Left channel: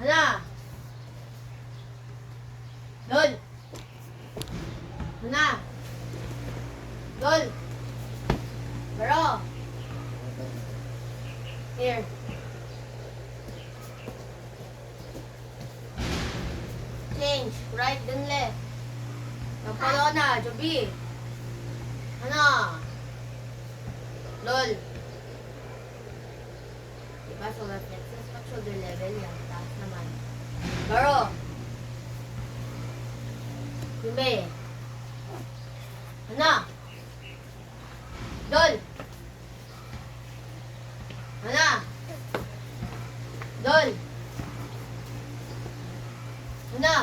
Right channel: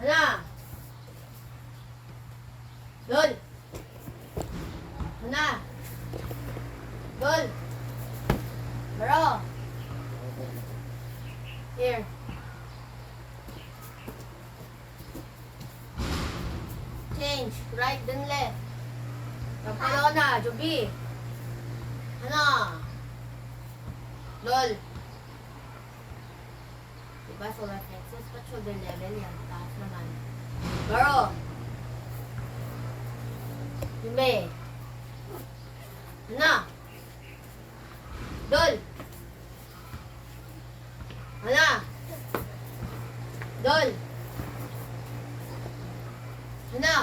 Hana. Dol. Hana. Dol. Baro. Here. Change. Right, then left. Kapalona. Joby. Hana. Lol. Diba, solar plexus, pat shoulder level yan. Taas naman. Baro. Yume. Hana. Dol. Hana. Dol. Hana.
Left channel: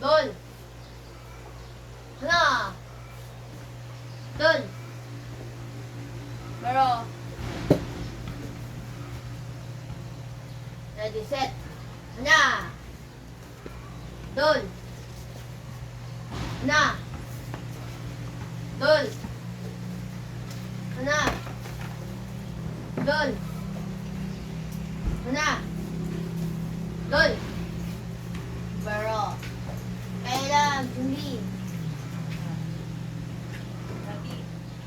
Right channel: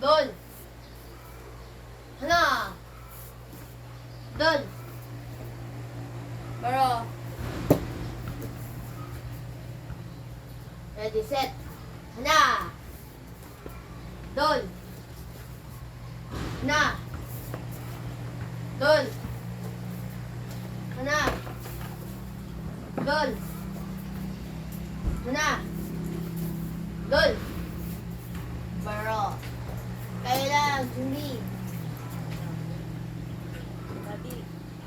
Dol. Hana. Dol. Baro. Ready, set. Hana. Dol. Hana. Dol. Hana. Dol. Hana. Dol. Baro. Kailan, hindi.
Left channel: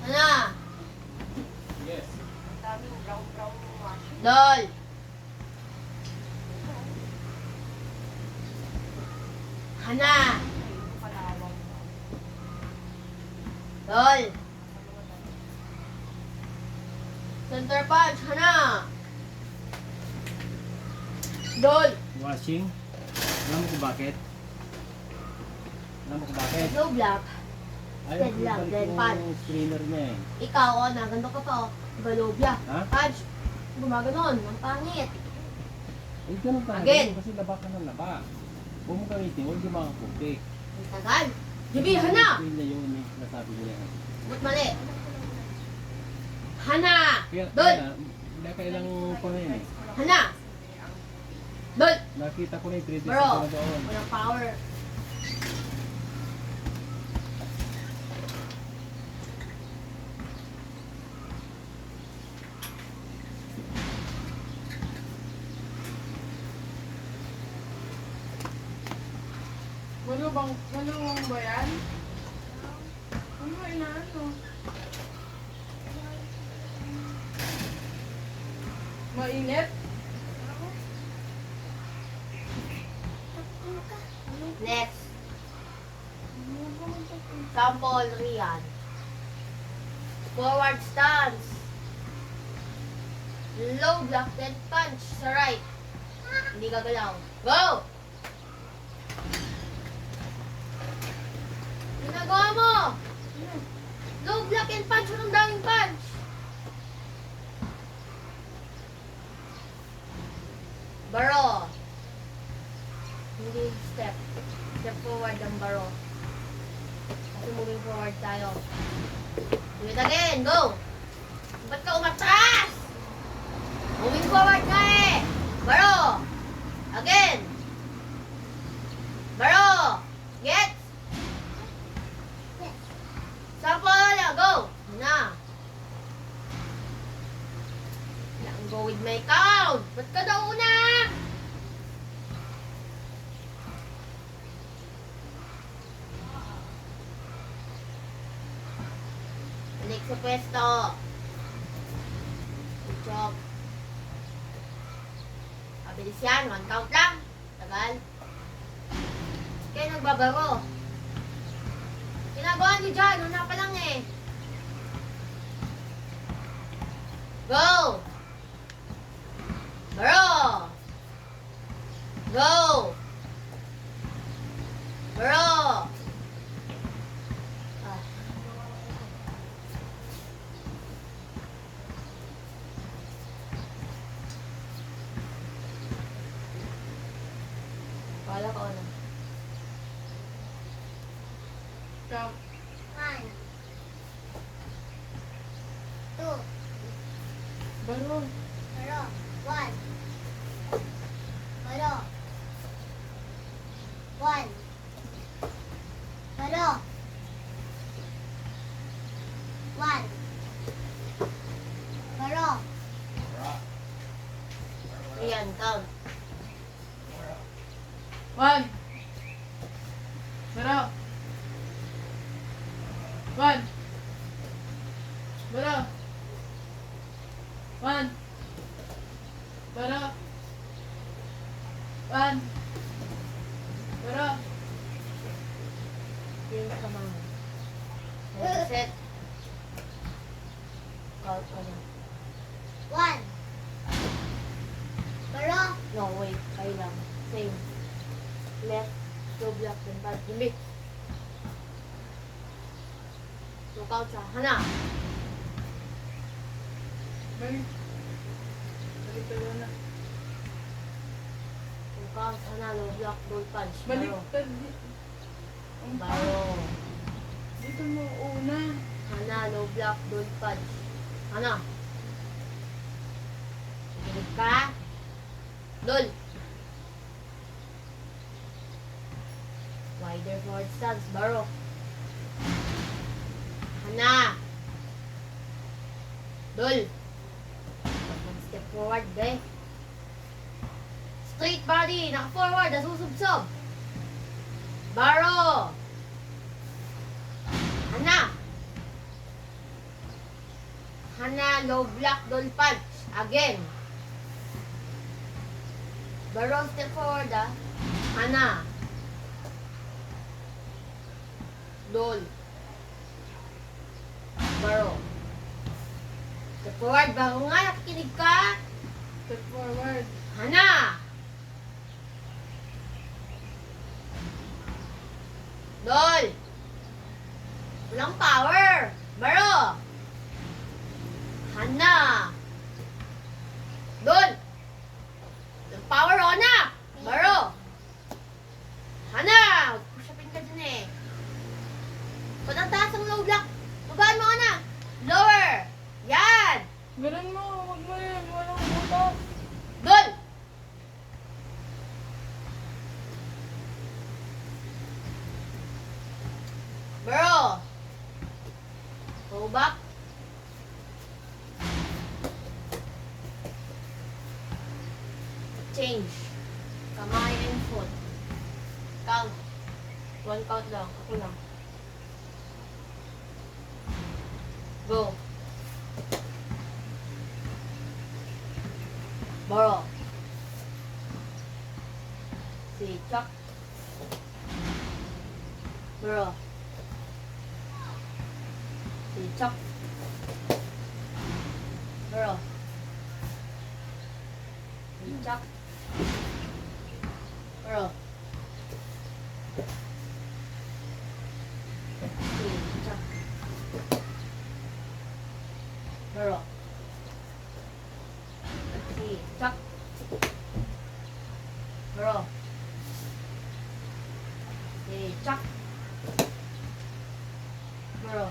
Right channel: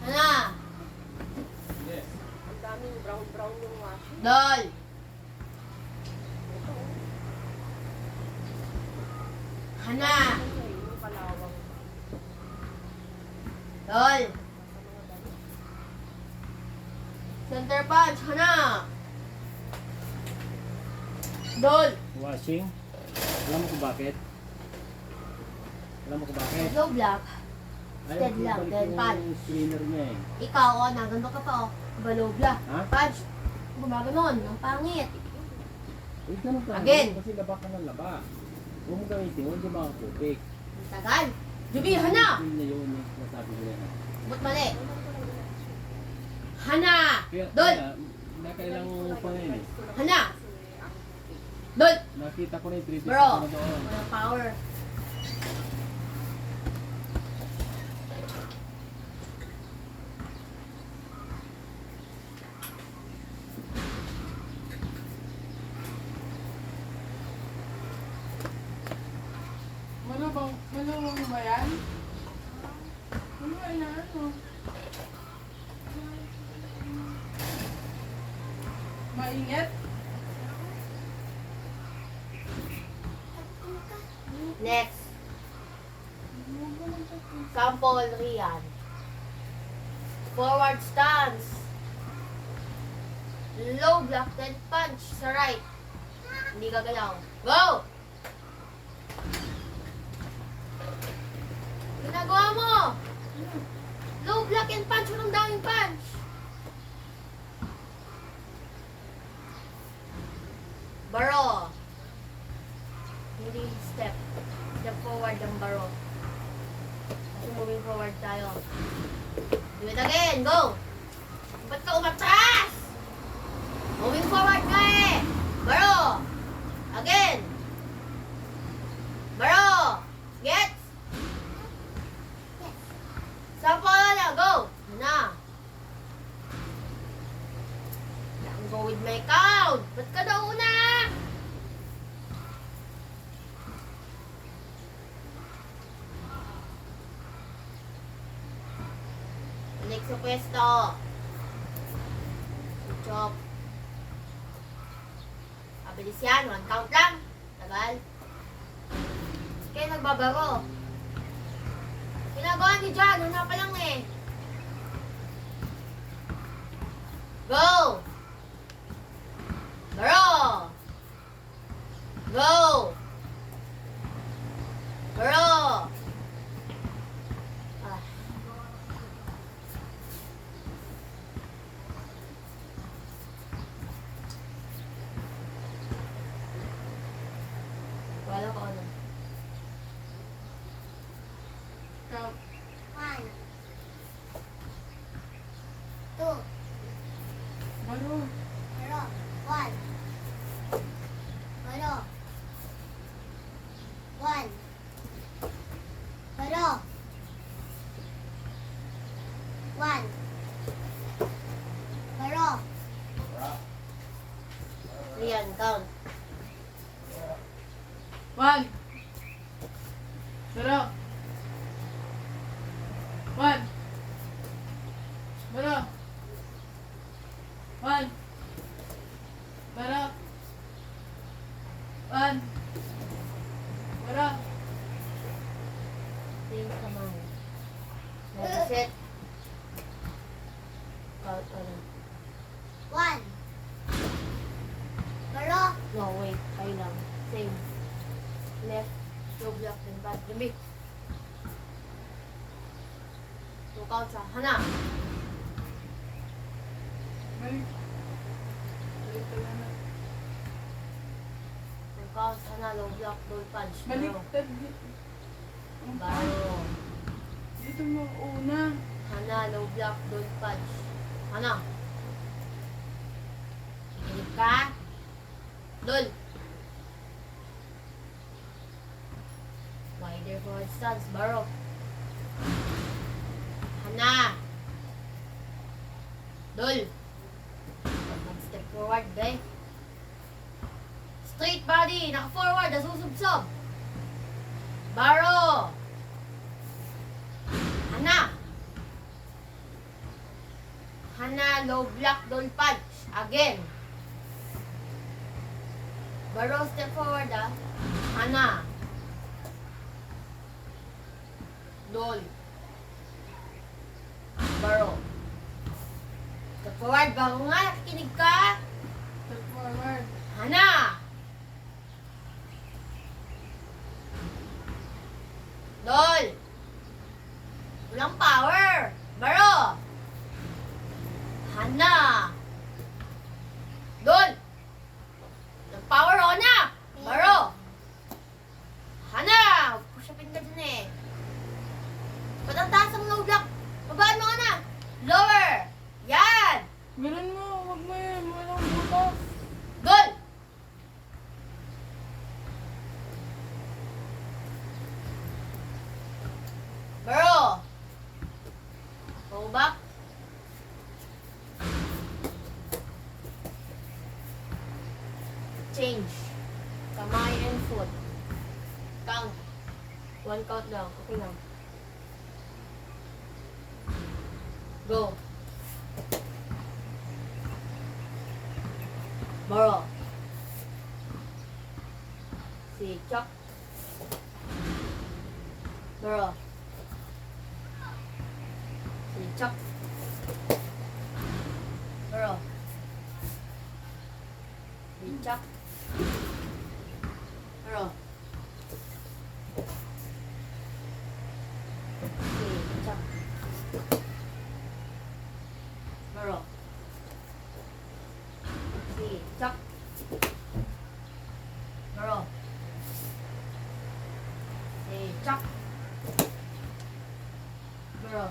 Hana. Yes. Ang daming brown yung wash. Dol. Hana. Yung kalawang. Dol. Center punch. Hana. Dol. Washing. Alam mo kung bakit? Alam mo kung bakit? Low block. Ayaw Dead lang, ibalik dead yung pan. screener niya eh. Ikaw, nagando ka pa, low block. Ha? Punch. Gumaganon. Ang pangit. Eh, ganun pa Again. Kasi laba ka ng laba. Huwag mo gamitin, huwag yung mga putik. Ang tagal. Jubi, Hana. Screen na yun eh, nasabi niya. Ba't mali? Hana. Kaya, Dol. kailang pa ngayon eh. Hana. Dol. Nakita ko na yung 3D Bro. ko na doon. Walang power. Ano ba yan? Ano ba inaano? Mainit? Next. Sample Rian. Forward stance. Low block, then punch sa right. Hindi ka galaw. Go! Ginagawa mo! Low block and punch. Walang daming punch. Baro. Hindi step. Step forward ang baro. Kasi moving forward tayo. Do it again. Go! Ba't ka umatras? Moving forward nga eh. Baro. Again. Baro. Get. Sample na. Go. Na. Go with my count. Ba't ka daw una? Balik sa pwesto. Chok. Abilis yan. 1 count lang. Tagal. Kaya nagbabaro. Ginagawa niyo dyan. Hana pa lang eh. Go! Baro! Go! Baro! Ah. Wala ko ano. Count. 1 2 Baro. Baro. 1 Baro. 1 Baro. 1 Baro. Ayan, count. 1. Baro. 1. Baro. 1. Baro. 1. Baro. Tingin ka man. Nag-set. Call ka na. 1. Baro. No, wait. Kayo lang. Same. Left. Low block. Then bad. Lumbi. 2 counts ah. Hana. Balik. Balik ka na. 2 counts. Hana. Low block. Low punch. Balik Baro. ka. Baro. Dito mo una. Hana. Low block. Low punch. Hana. Balik ka. Dol. Wider forward stance. Baro. Hana. Dol. Mag-step forward, be. Straight body. Naka-forward. Nasusubsob. Baro. Hana. Hana. Low block. Dol punch. Again. Baro, step forward, ah. Hana. Dol. Baro. Step forward. Bago nga, nakikinig ka. Step forward. Hana. Dol. Walang power. Baro. Hana. Dol. Walang power, Ona. Baro. Hana. Push upin ka dyan eh. Ba't ang taas ang low block? Babaan mo, Ona. Lower. Yan. Ganun mo. Huwag mo yan. Walang butas. Dol. Bro. Go back. Change. Kamay and foot. Count. 1 count lang. Ako lang. Go. Bro. Si Chuck. Bro. Si Chuck. Bro. Si Chuck. Bro. Si Chuck. Bro. Si Chuck. Bro. Si Chuck. Bro.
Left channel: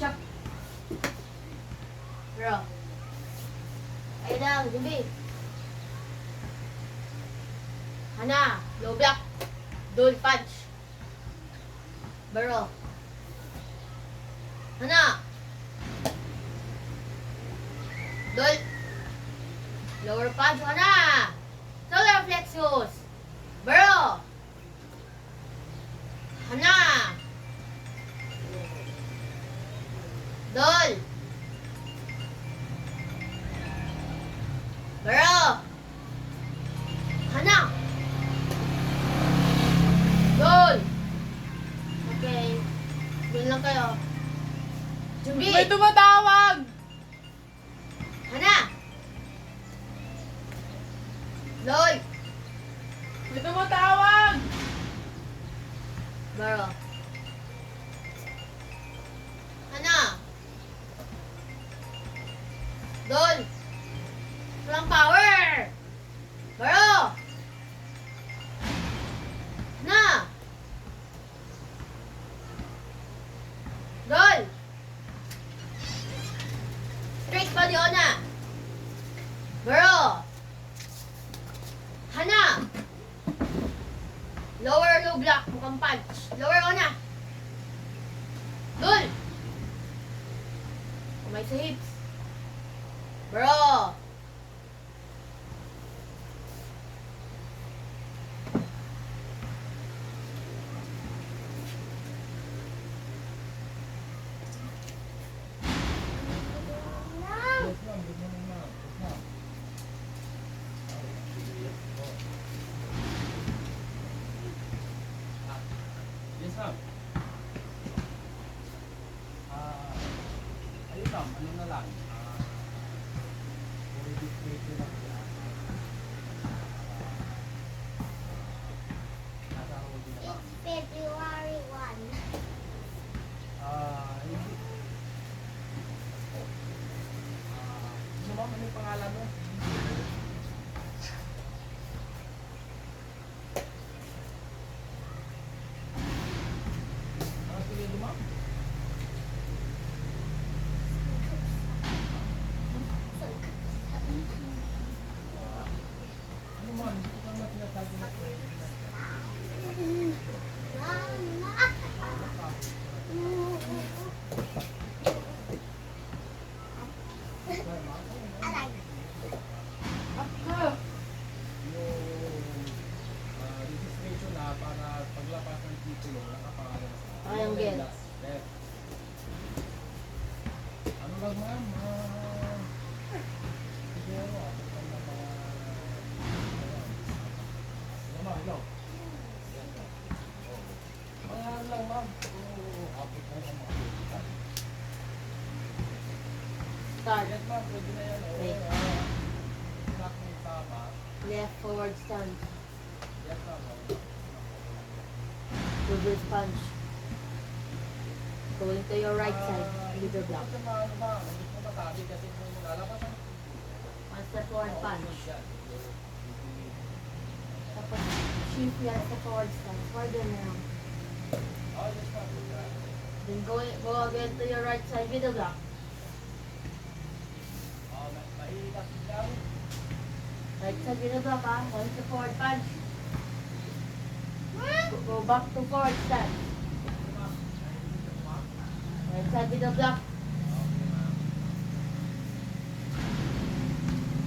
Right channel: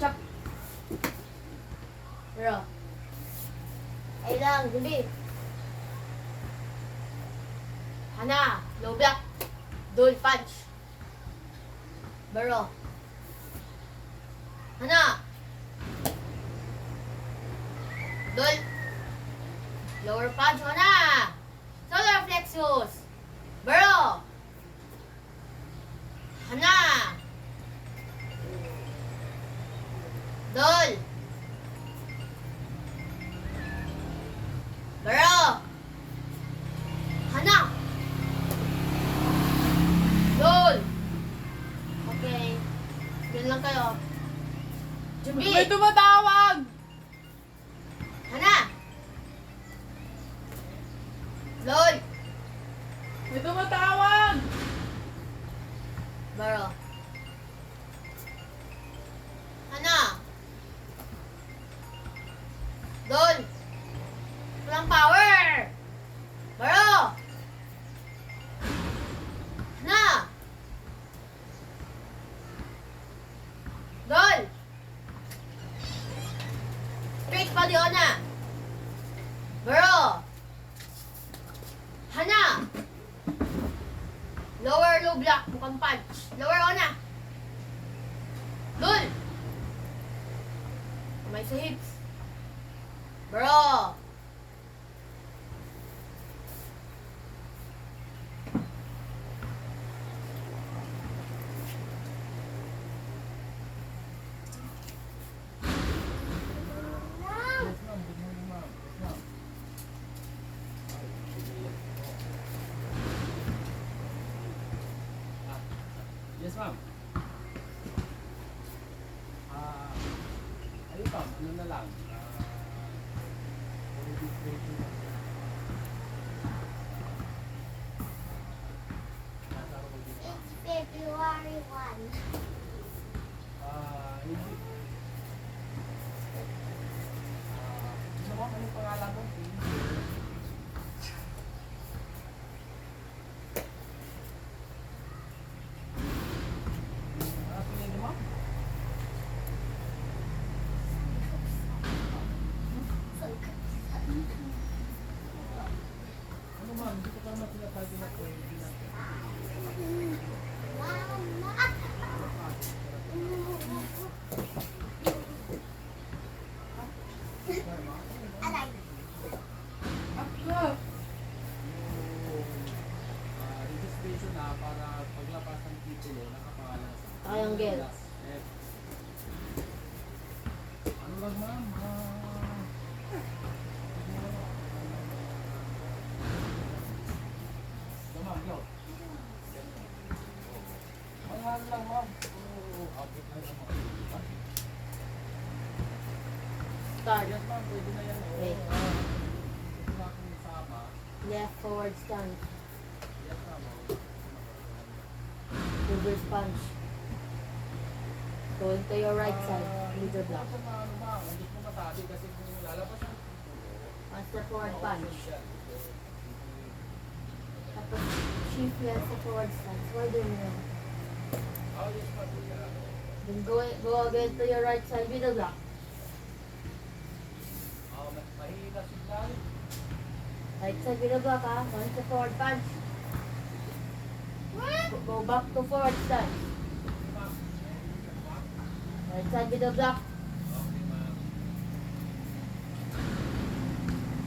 Chuck. Bro. Ay lang, Jumbi. Hana, low block. Dual punch. Bro. Hana. Dual. Lower punch, Hana. Solar plexus. Bro. Hana. Dol. Bro. Hana. Dol. Okay. Doon lang kayo. Jumbi. May tumatawag! Hana. Dol. May tumatawag! Bro. Hana. Dol. Walang power. Bro. Hana. Dol. Straight body, Ona. Bro. Hana. Lower low block, mukhang punch. Lower, Ona. Dol. Kamay sa hips. Bro. Up ka. Registration na para paglapas ng titulo, nakapangalan sa Triangle. left. Ano ba ma'am? Siguro, ma'am, yo. Ano lang ma'am? Update na lang ma'am. Start. Yes ma'am, pwede na yan. Okay. Nakin sama. Left forward stance. Yes ma'am. Reverse punch. Going to your right side. Middle block. Ito ano ma'am, hindi ko matabi kasi kung lalabas ang One step forward punch. Tapos shift left sa forward stance. Further na lang. Oh, yes ma'am. Then go again to your right side. Middle block. Oh, mahina signal. Right side middle block ha. One step forward punch. Go back to forward stance. Right side middle block. Okay ma'am.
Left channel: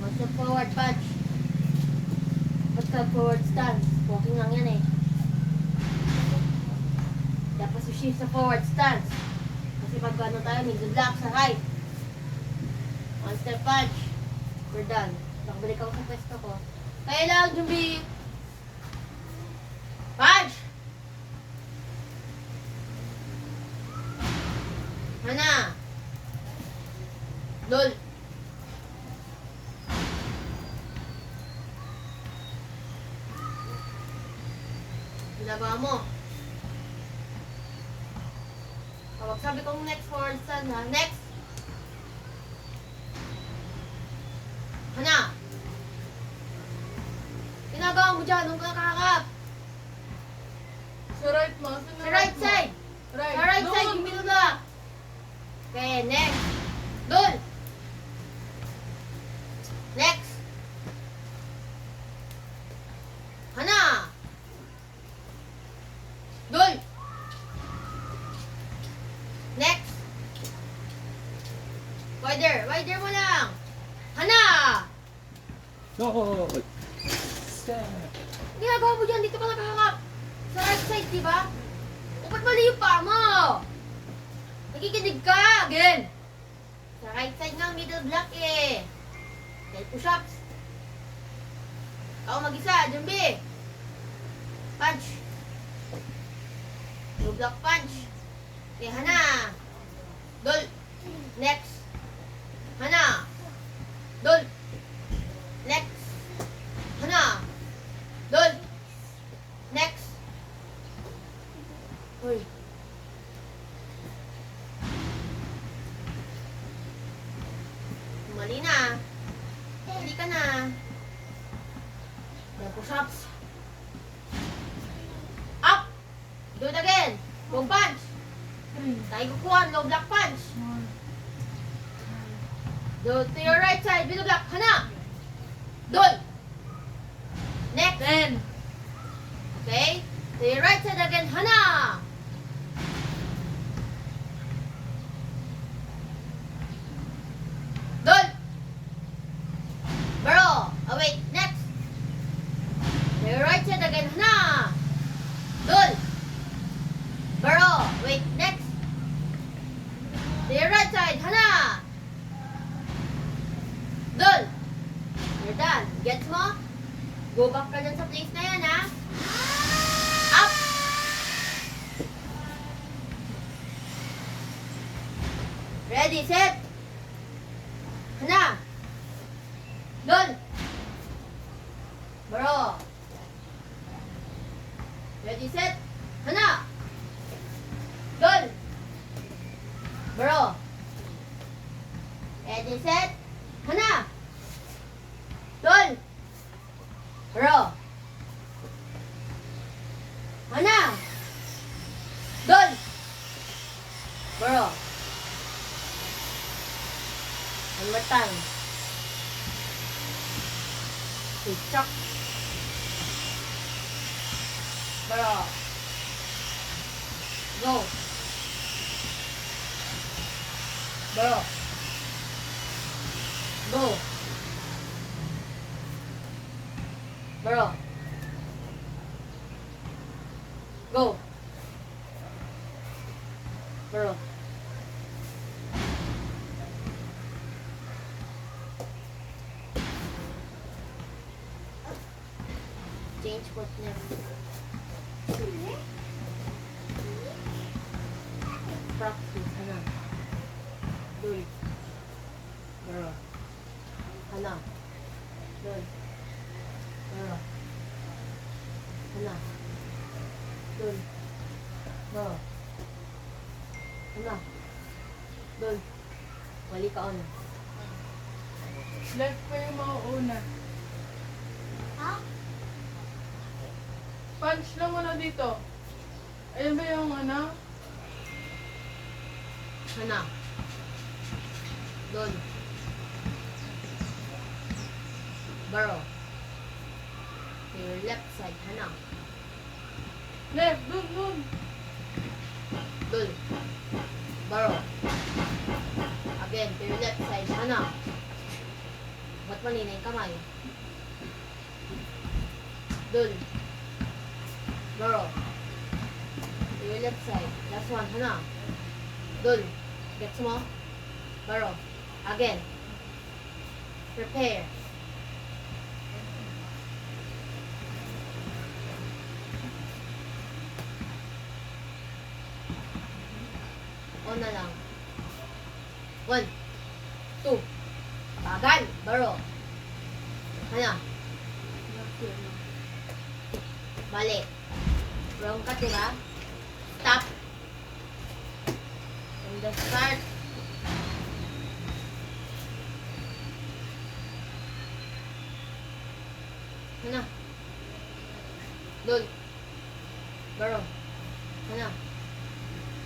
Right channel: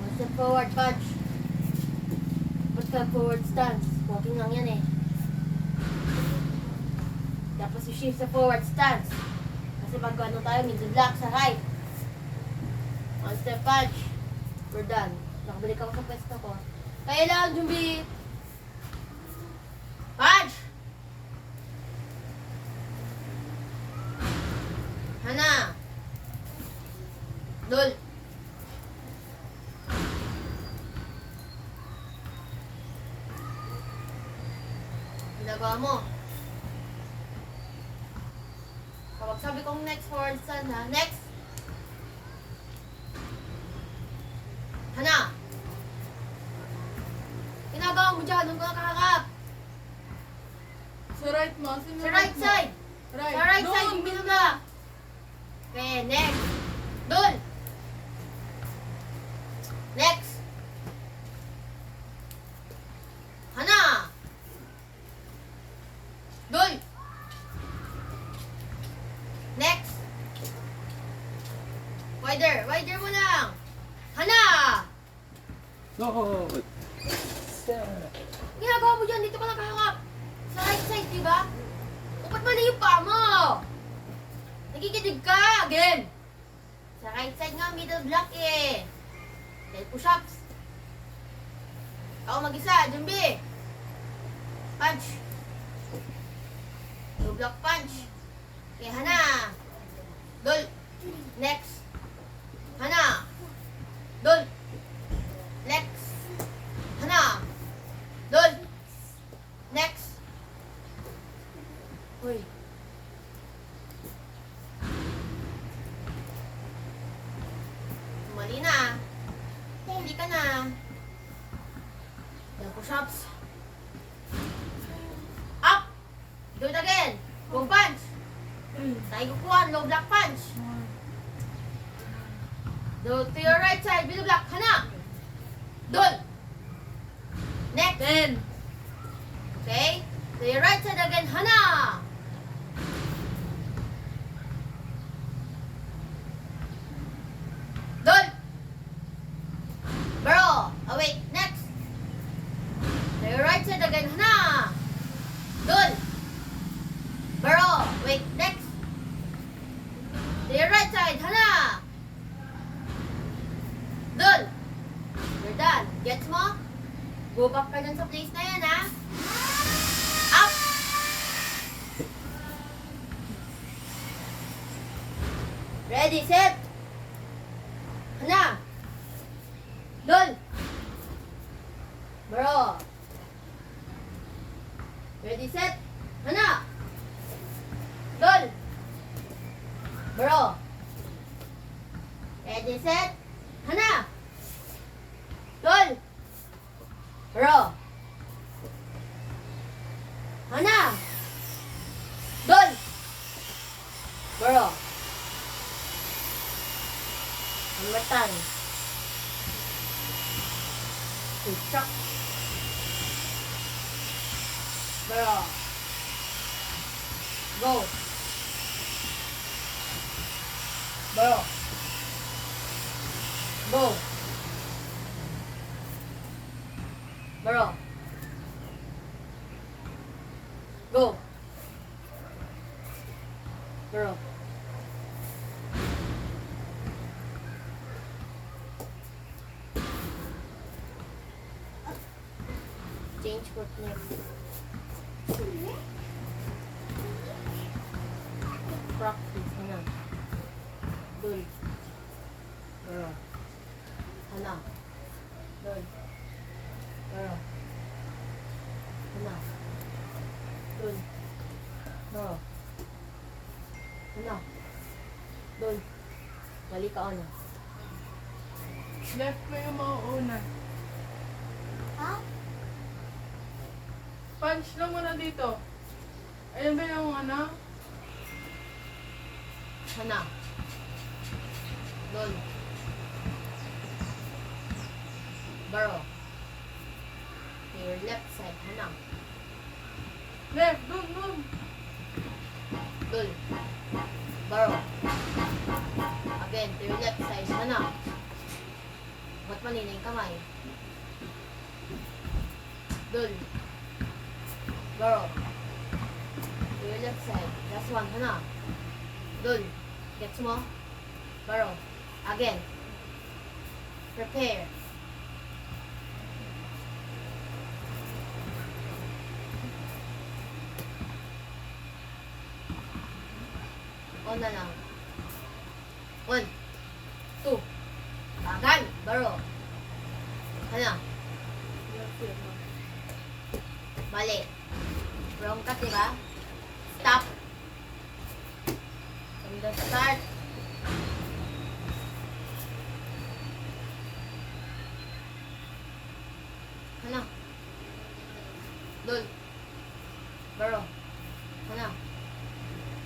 One step forward punch. Ba't ka forward stance? Walking lang yan eh. Tapos you shift sa forward stance. Kasi pag ano tayo, middle block sa right. One step punch. We're done. Nakabalik ako sa pwesto ko. Kailangan Jumbi. Punch! Hana! Lol! Ginagawa mo. Kapag sabi kong next forward stand ha, next! Hana! Ginagawa mo dyan, nung kakakap. Sa right mo. Sa right side! Right. Sa right side, Doon. yung binula. Okay, next. Doon! Next! Hana! Doon! Next! Wider mo lang! Hana! No. Ginagawa mo dyan, dito ka nakahangap. Sa right side, di ba? Ba't mali yung paa mo? Nakikinig ka! Again! Sa right side nga, middle block eh. Dahil push-ups. Ako mag-isa, Jumbi. Punch. Middle block punch. Okay, Hana. Dol. Next. Hana. Dol. Next. Hana. Dol. Next. Uy. Mali na. Hindi ka na. Then push-ups. Up. Do it again. Low punch. Tayo kukuhan. Low block punch. Do to your right side. Middle block. Hana. Dol. Next. Then. Okay. To your right side again. Hana. Dol. Bro. Oh wait. Next. To your right side again. Hana. Dol. Bro. Wait. Next. To your right side. Hana. Dol. You're done. Gets mo? Go back ka dyan sa place na yan, ha? Up! Ready, set! Hana! Dol! Bro! Ready, set! Hana! Dol! Bro! Ready, set! Hana! Dol! Bro! Hana! Dol! Bro! One more time. Chuck. Bro! Go! Bro! Go. Baro. Go. Baro. Change partner. Practice. Ano? Dun. Baro. Ano? Dun. Baro. Ano? Dun. Baro. Ano? Dun. Wali ka ano? Left ko yung mauuna. Ha? Punch lang muna dito. Ayun ba yung ano? Ano? Dun. Baro. To your left side. Ano? Left, boom, boom. Dun. Baro. Again, to your left side. Ano? Ba't mali na yung kamay? Dun. Baro. To your left side. Last one. Ano? Dun. Gets mo? Baro. Again. Prepare. On na lang. 1, 2. Tagal. Baro. Ano? Left yun. Mali. Wrong ka, diba? Stop. From the start. Ano? Dun. Baro. Ano?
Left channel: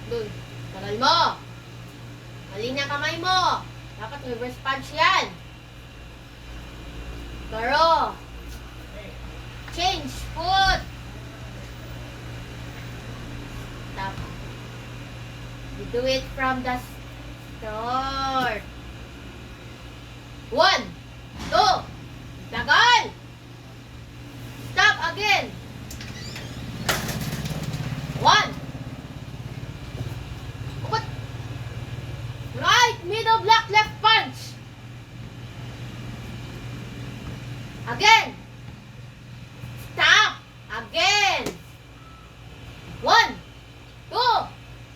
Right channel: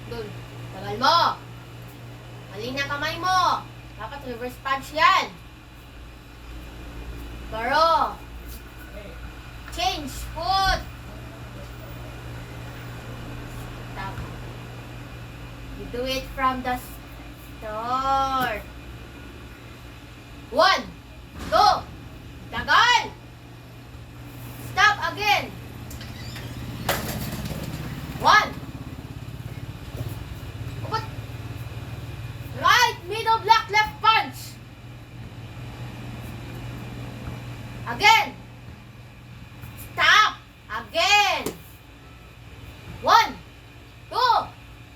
Dun. Tagal mo. Mali na kamay mo. Dapat reverse punch yan. Baro. Change foot. Stop. You do it from the start. 1, 2. Tagal. Stop again. 1. Upot. Right, middle block, left punch. Again. Stop. Again. 1, 2.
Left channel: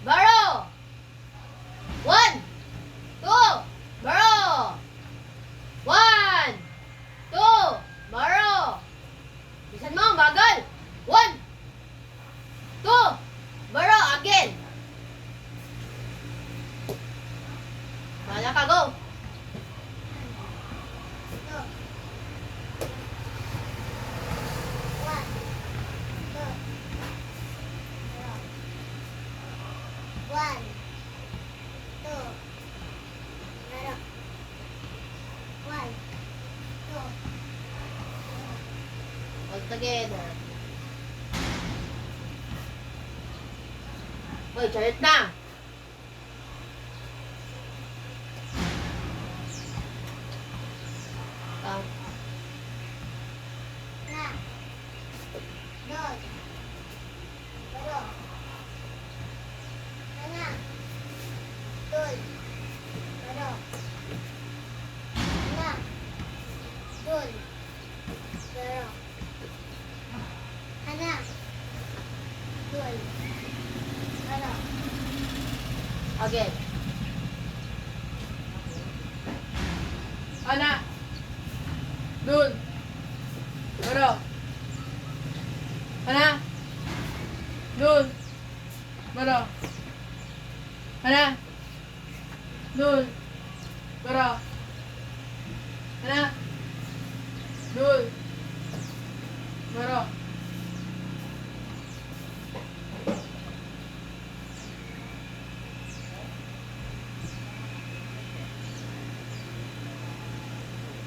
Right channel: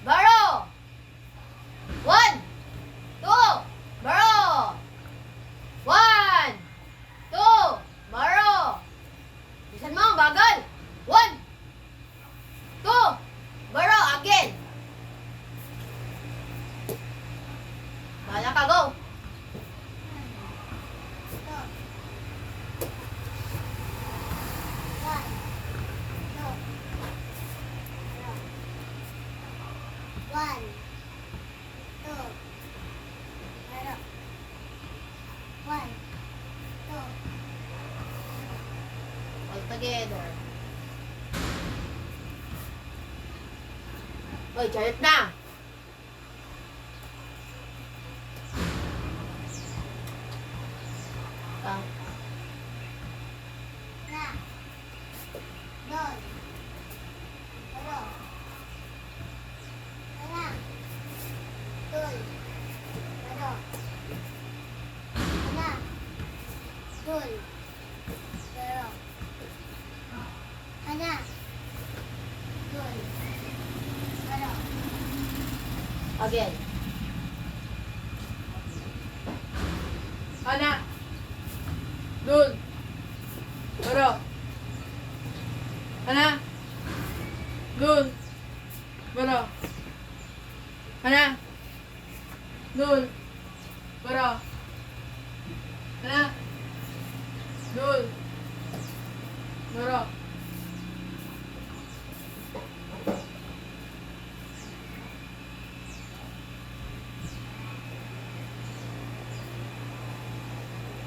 Baro. 1, 2. Baro. 1, 2. Baro. Bisan mo, bagal. 1, 2. Baro. Again. Kala ka, go. Two. 1, 2. 1, 2. 1, 2. All together. Boy, charit na. Ang Na. Dun. Baro. Ana. Dun. Baro. Ana. Dun. Baro. Ana. Dun. Baro. again. Ana. Dun. Baro. Ana. Dun. Baro. Ana. Dun. Baro. Ana. Dun. Baro.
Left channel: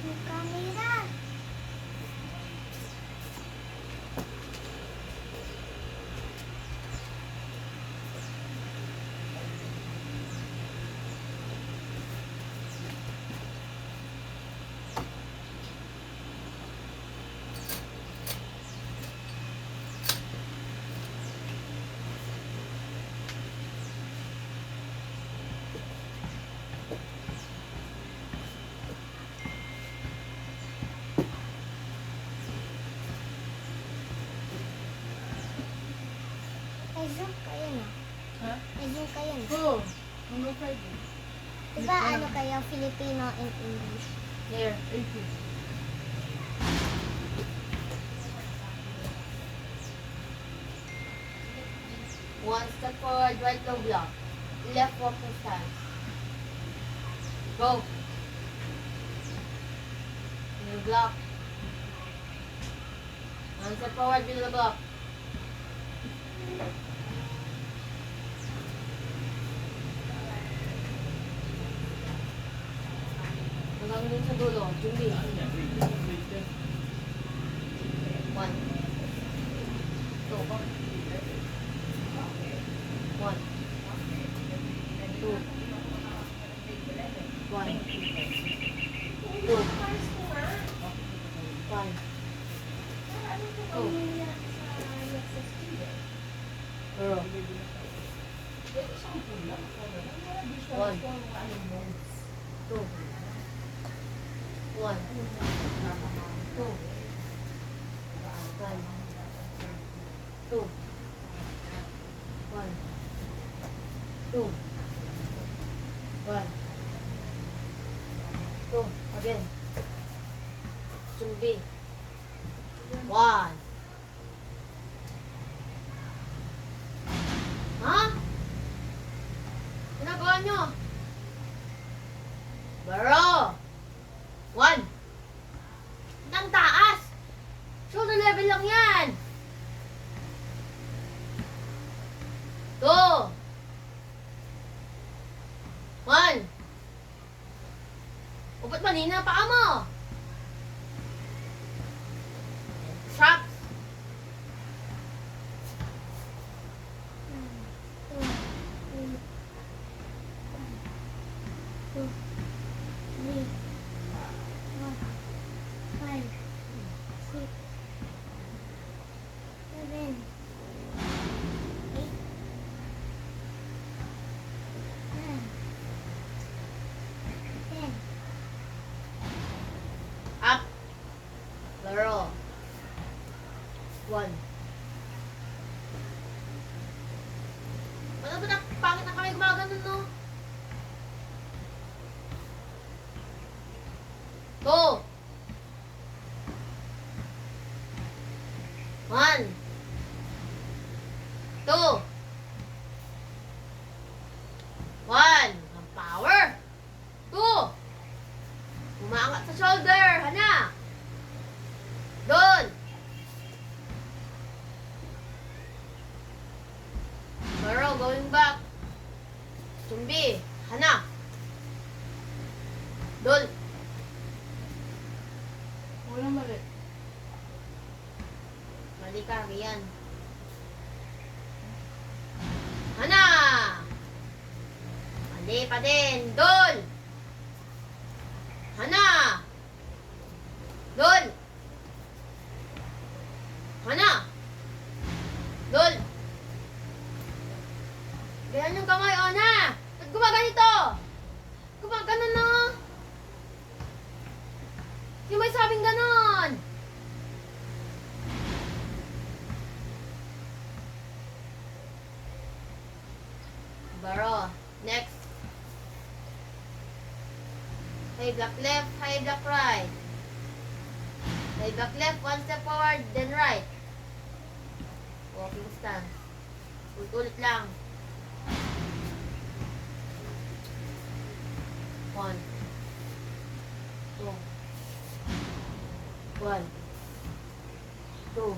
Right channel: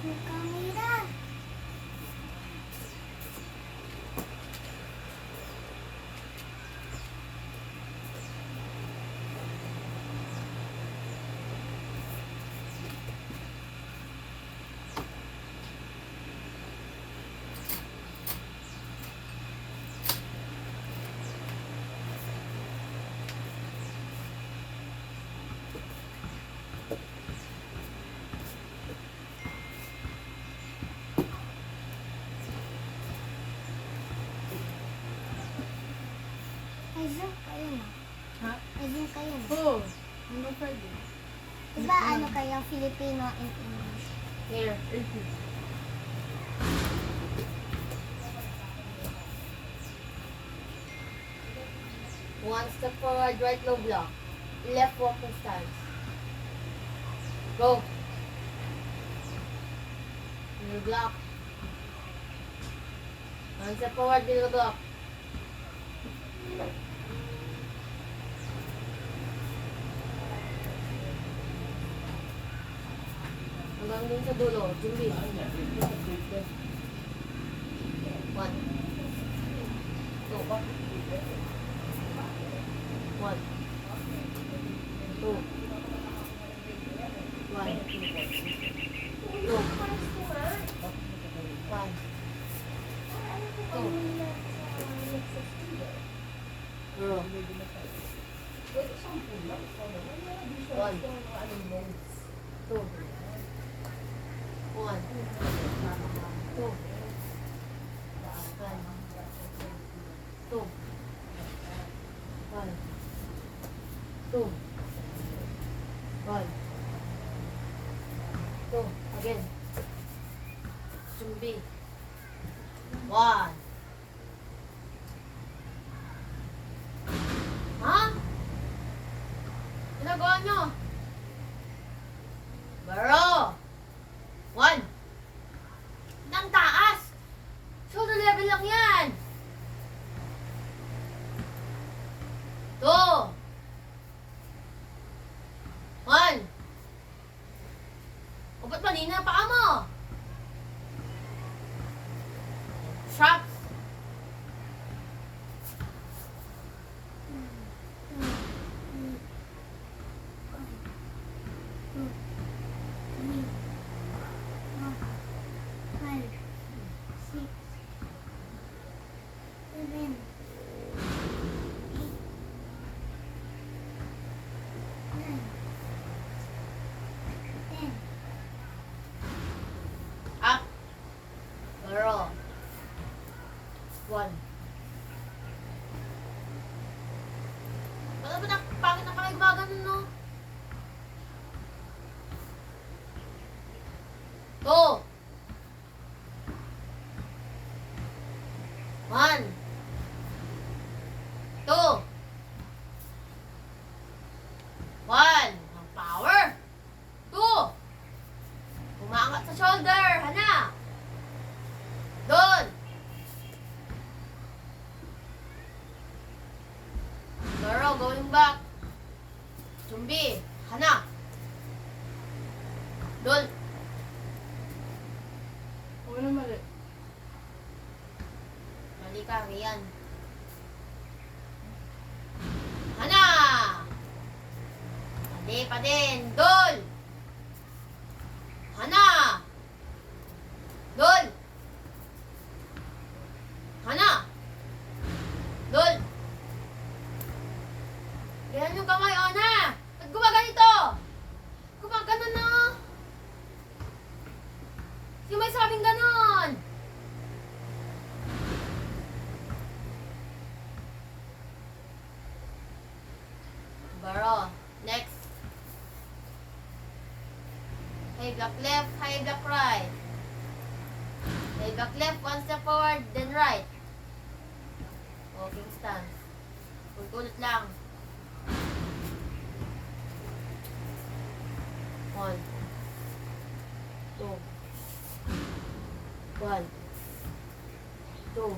Yung camera. kayo. Oh, hanggang Friday. Diba ano kayo, Filipino and English? Here. 18. One step forward, right low block. Left walking stance. Go. Middle block. One step forward, middle block. Hanggang dun sa dulo. Jumbi. One. Two. One. Two. One. Two. One. Two. Zero. One. Two. One. Two. One. Two. One. Two. One. Two. Again. Zumbi. One. Ha? Ginagawa nyo? Baro. One. Nang taas. Shoulder level lang yan. Two. One. O ba't manina paa mo? Straps. Up. Baro. One. Wala ba na pangit na kamay gumagano, no? Go. One. Two. One. Ang power. Two. Umangat sa shoulder. Hana. Doon. Baro, going back. Zumbi. Hana. Doon. Wala mali. Mali ka, yan. Hana. Mali pa din. Doon. Hana. Doon. Hana. Doon. Ganyan yung kamay, o na. Ba't gumaganito? Gumagano na. Yung may sabing ganon. Baro. Next. High block left, high block right. High block left, one step forward, then right. Walking stance. Ulit lang. One. Two. One. Two.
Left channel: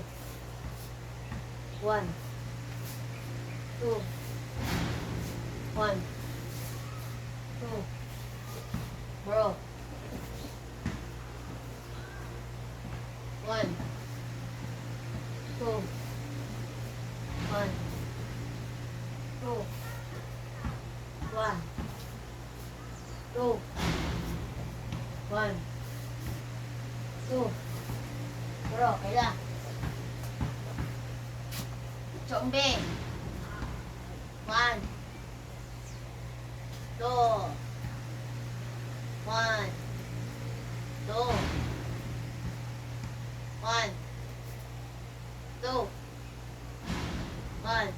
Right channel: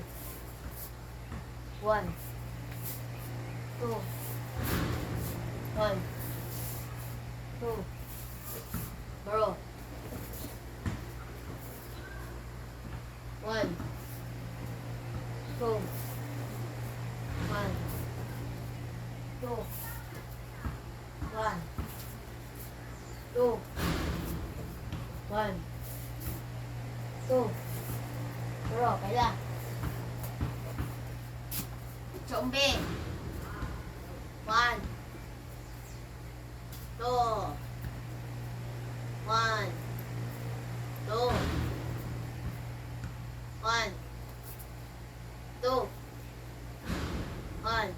One. Two. One. Two. Bro. One. Two. One. Two. One. Two. One. Two. Bro, kailan? Zumbi. One. Two. One. Two. One. Two. One.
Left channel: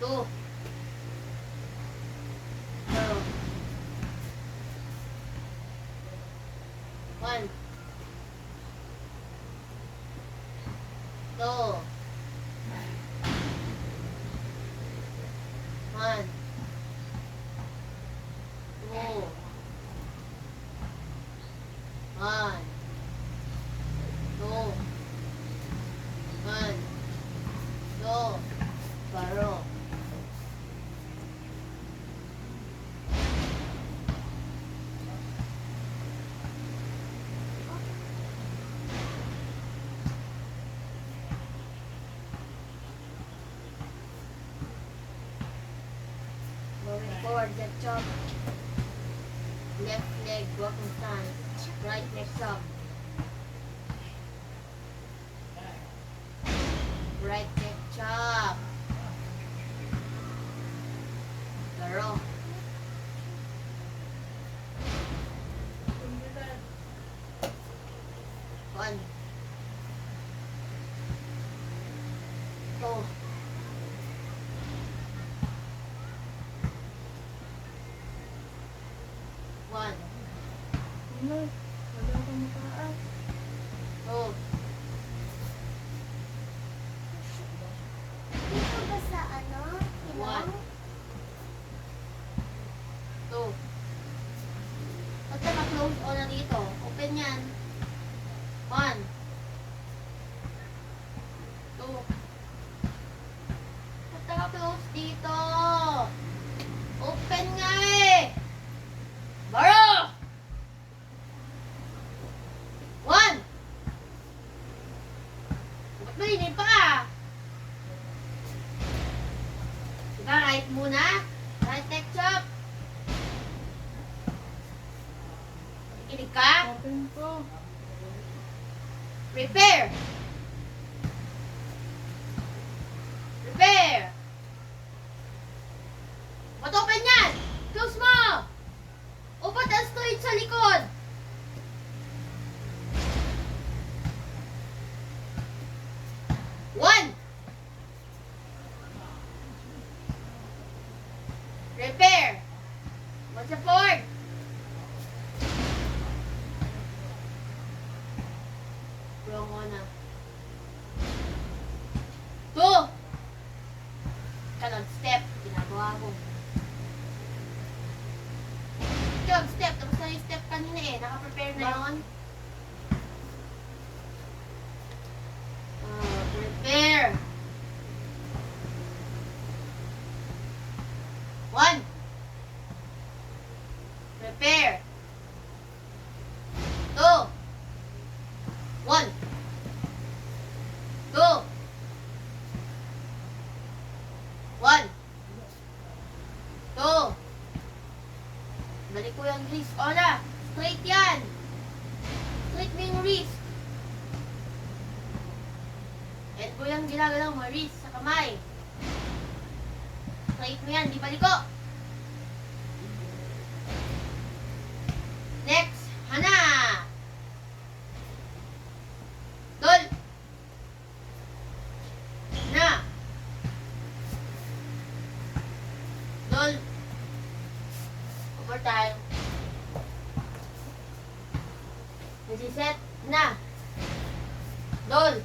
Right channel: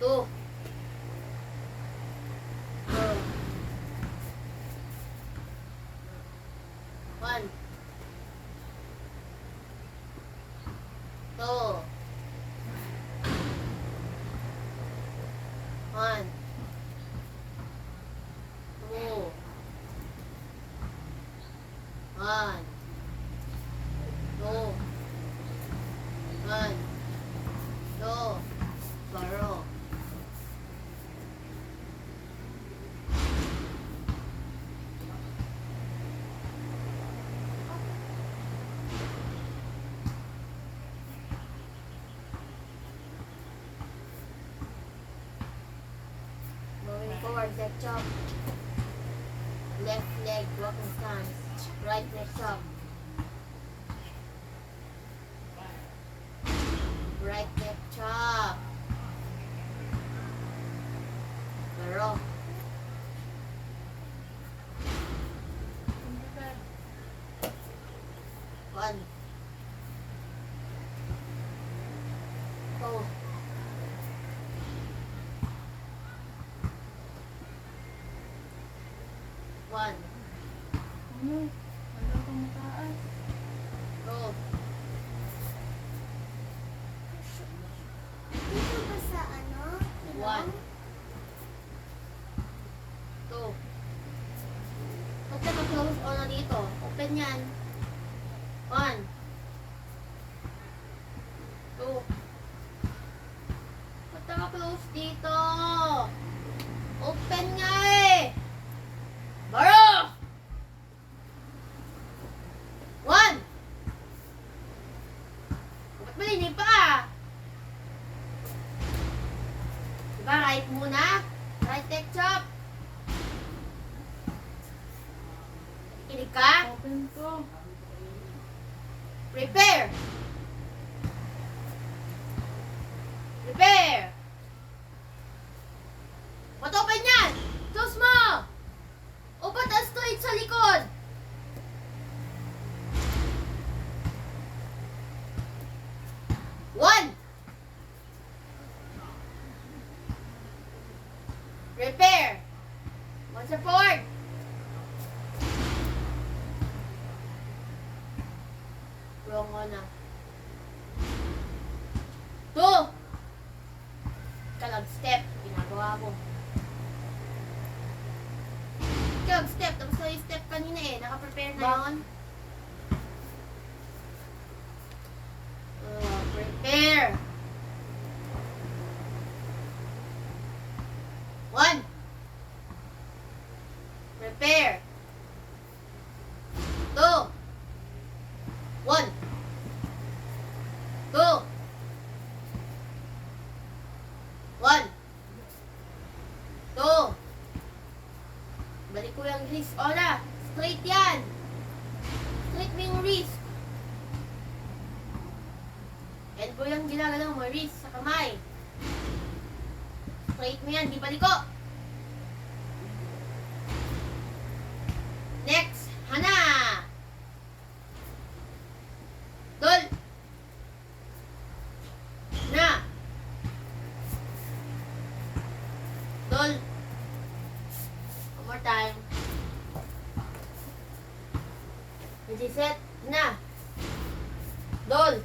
Two. 1, 2, 1, 2, 1, 2, 1, 2, baro. Moving forward, get chop. Left leg, broken stance. Right leg chop. Right leg chop. Laro. One. Oh. One. Ano? Wala akong makaas. Two. Dito ba sa ano? One. Ilong? Two. Huwag ka na-close o na dito. Open yan. One. Two. Huwag ka na-close dito. Open nga eh. Baro! One. Ba't malinig pa ah? Diba right muna? Right leg chop. Kikinig ka? Open ko. Prepare! Prepare! Ba't open yan? Close mo! Open ang straight sa likod! One! Prepare! One support! Wrong on na. Two! Kalag step. Ginagawa ko. Kalag step. Tapos na yung step kanina eh. Naka-prepare na yun. Prepare. One. Prepare. Two. One. Two. One. Two. Balik ko yung wrist. Ola. Straight yan. Straight mo yung wrist. And ko yung ginagalaw mo wrist sa kamay. Straight mo yan. Di baliko. Next. Hana. Dol. Na. Dol. One more time. Nag-set. Na. Dol.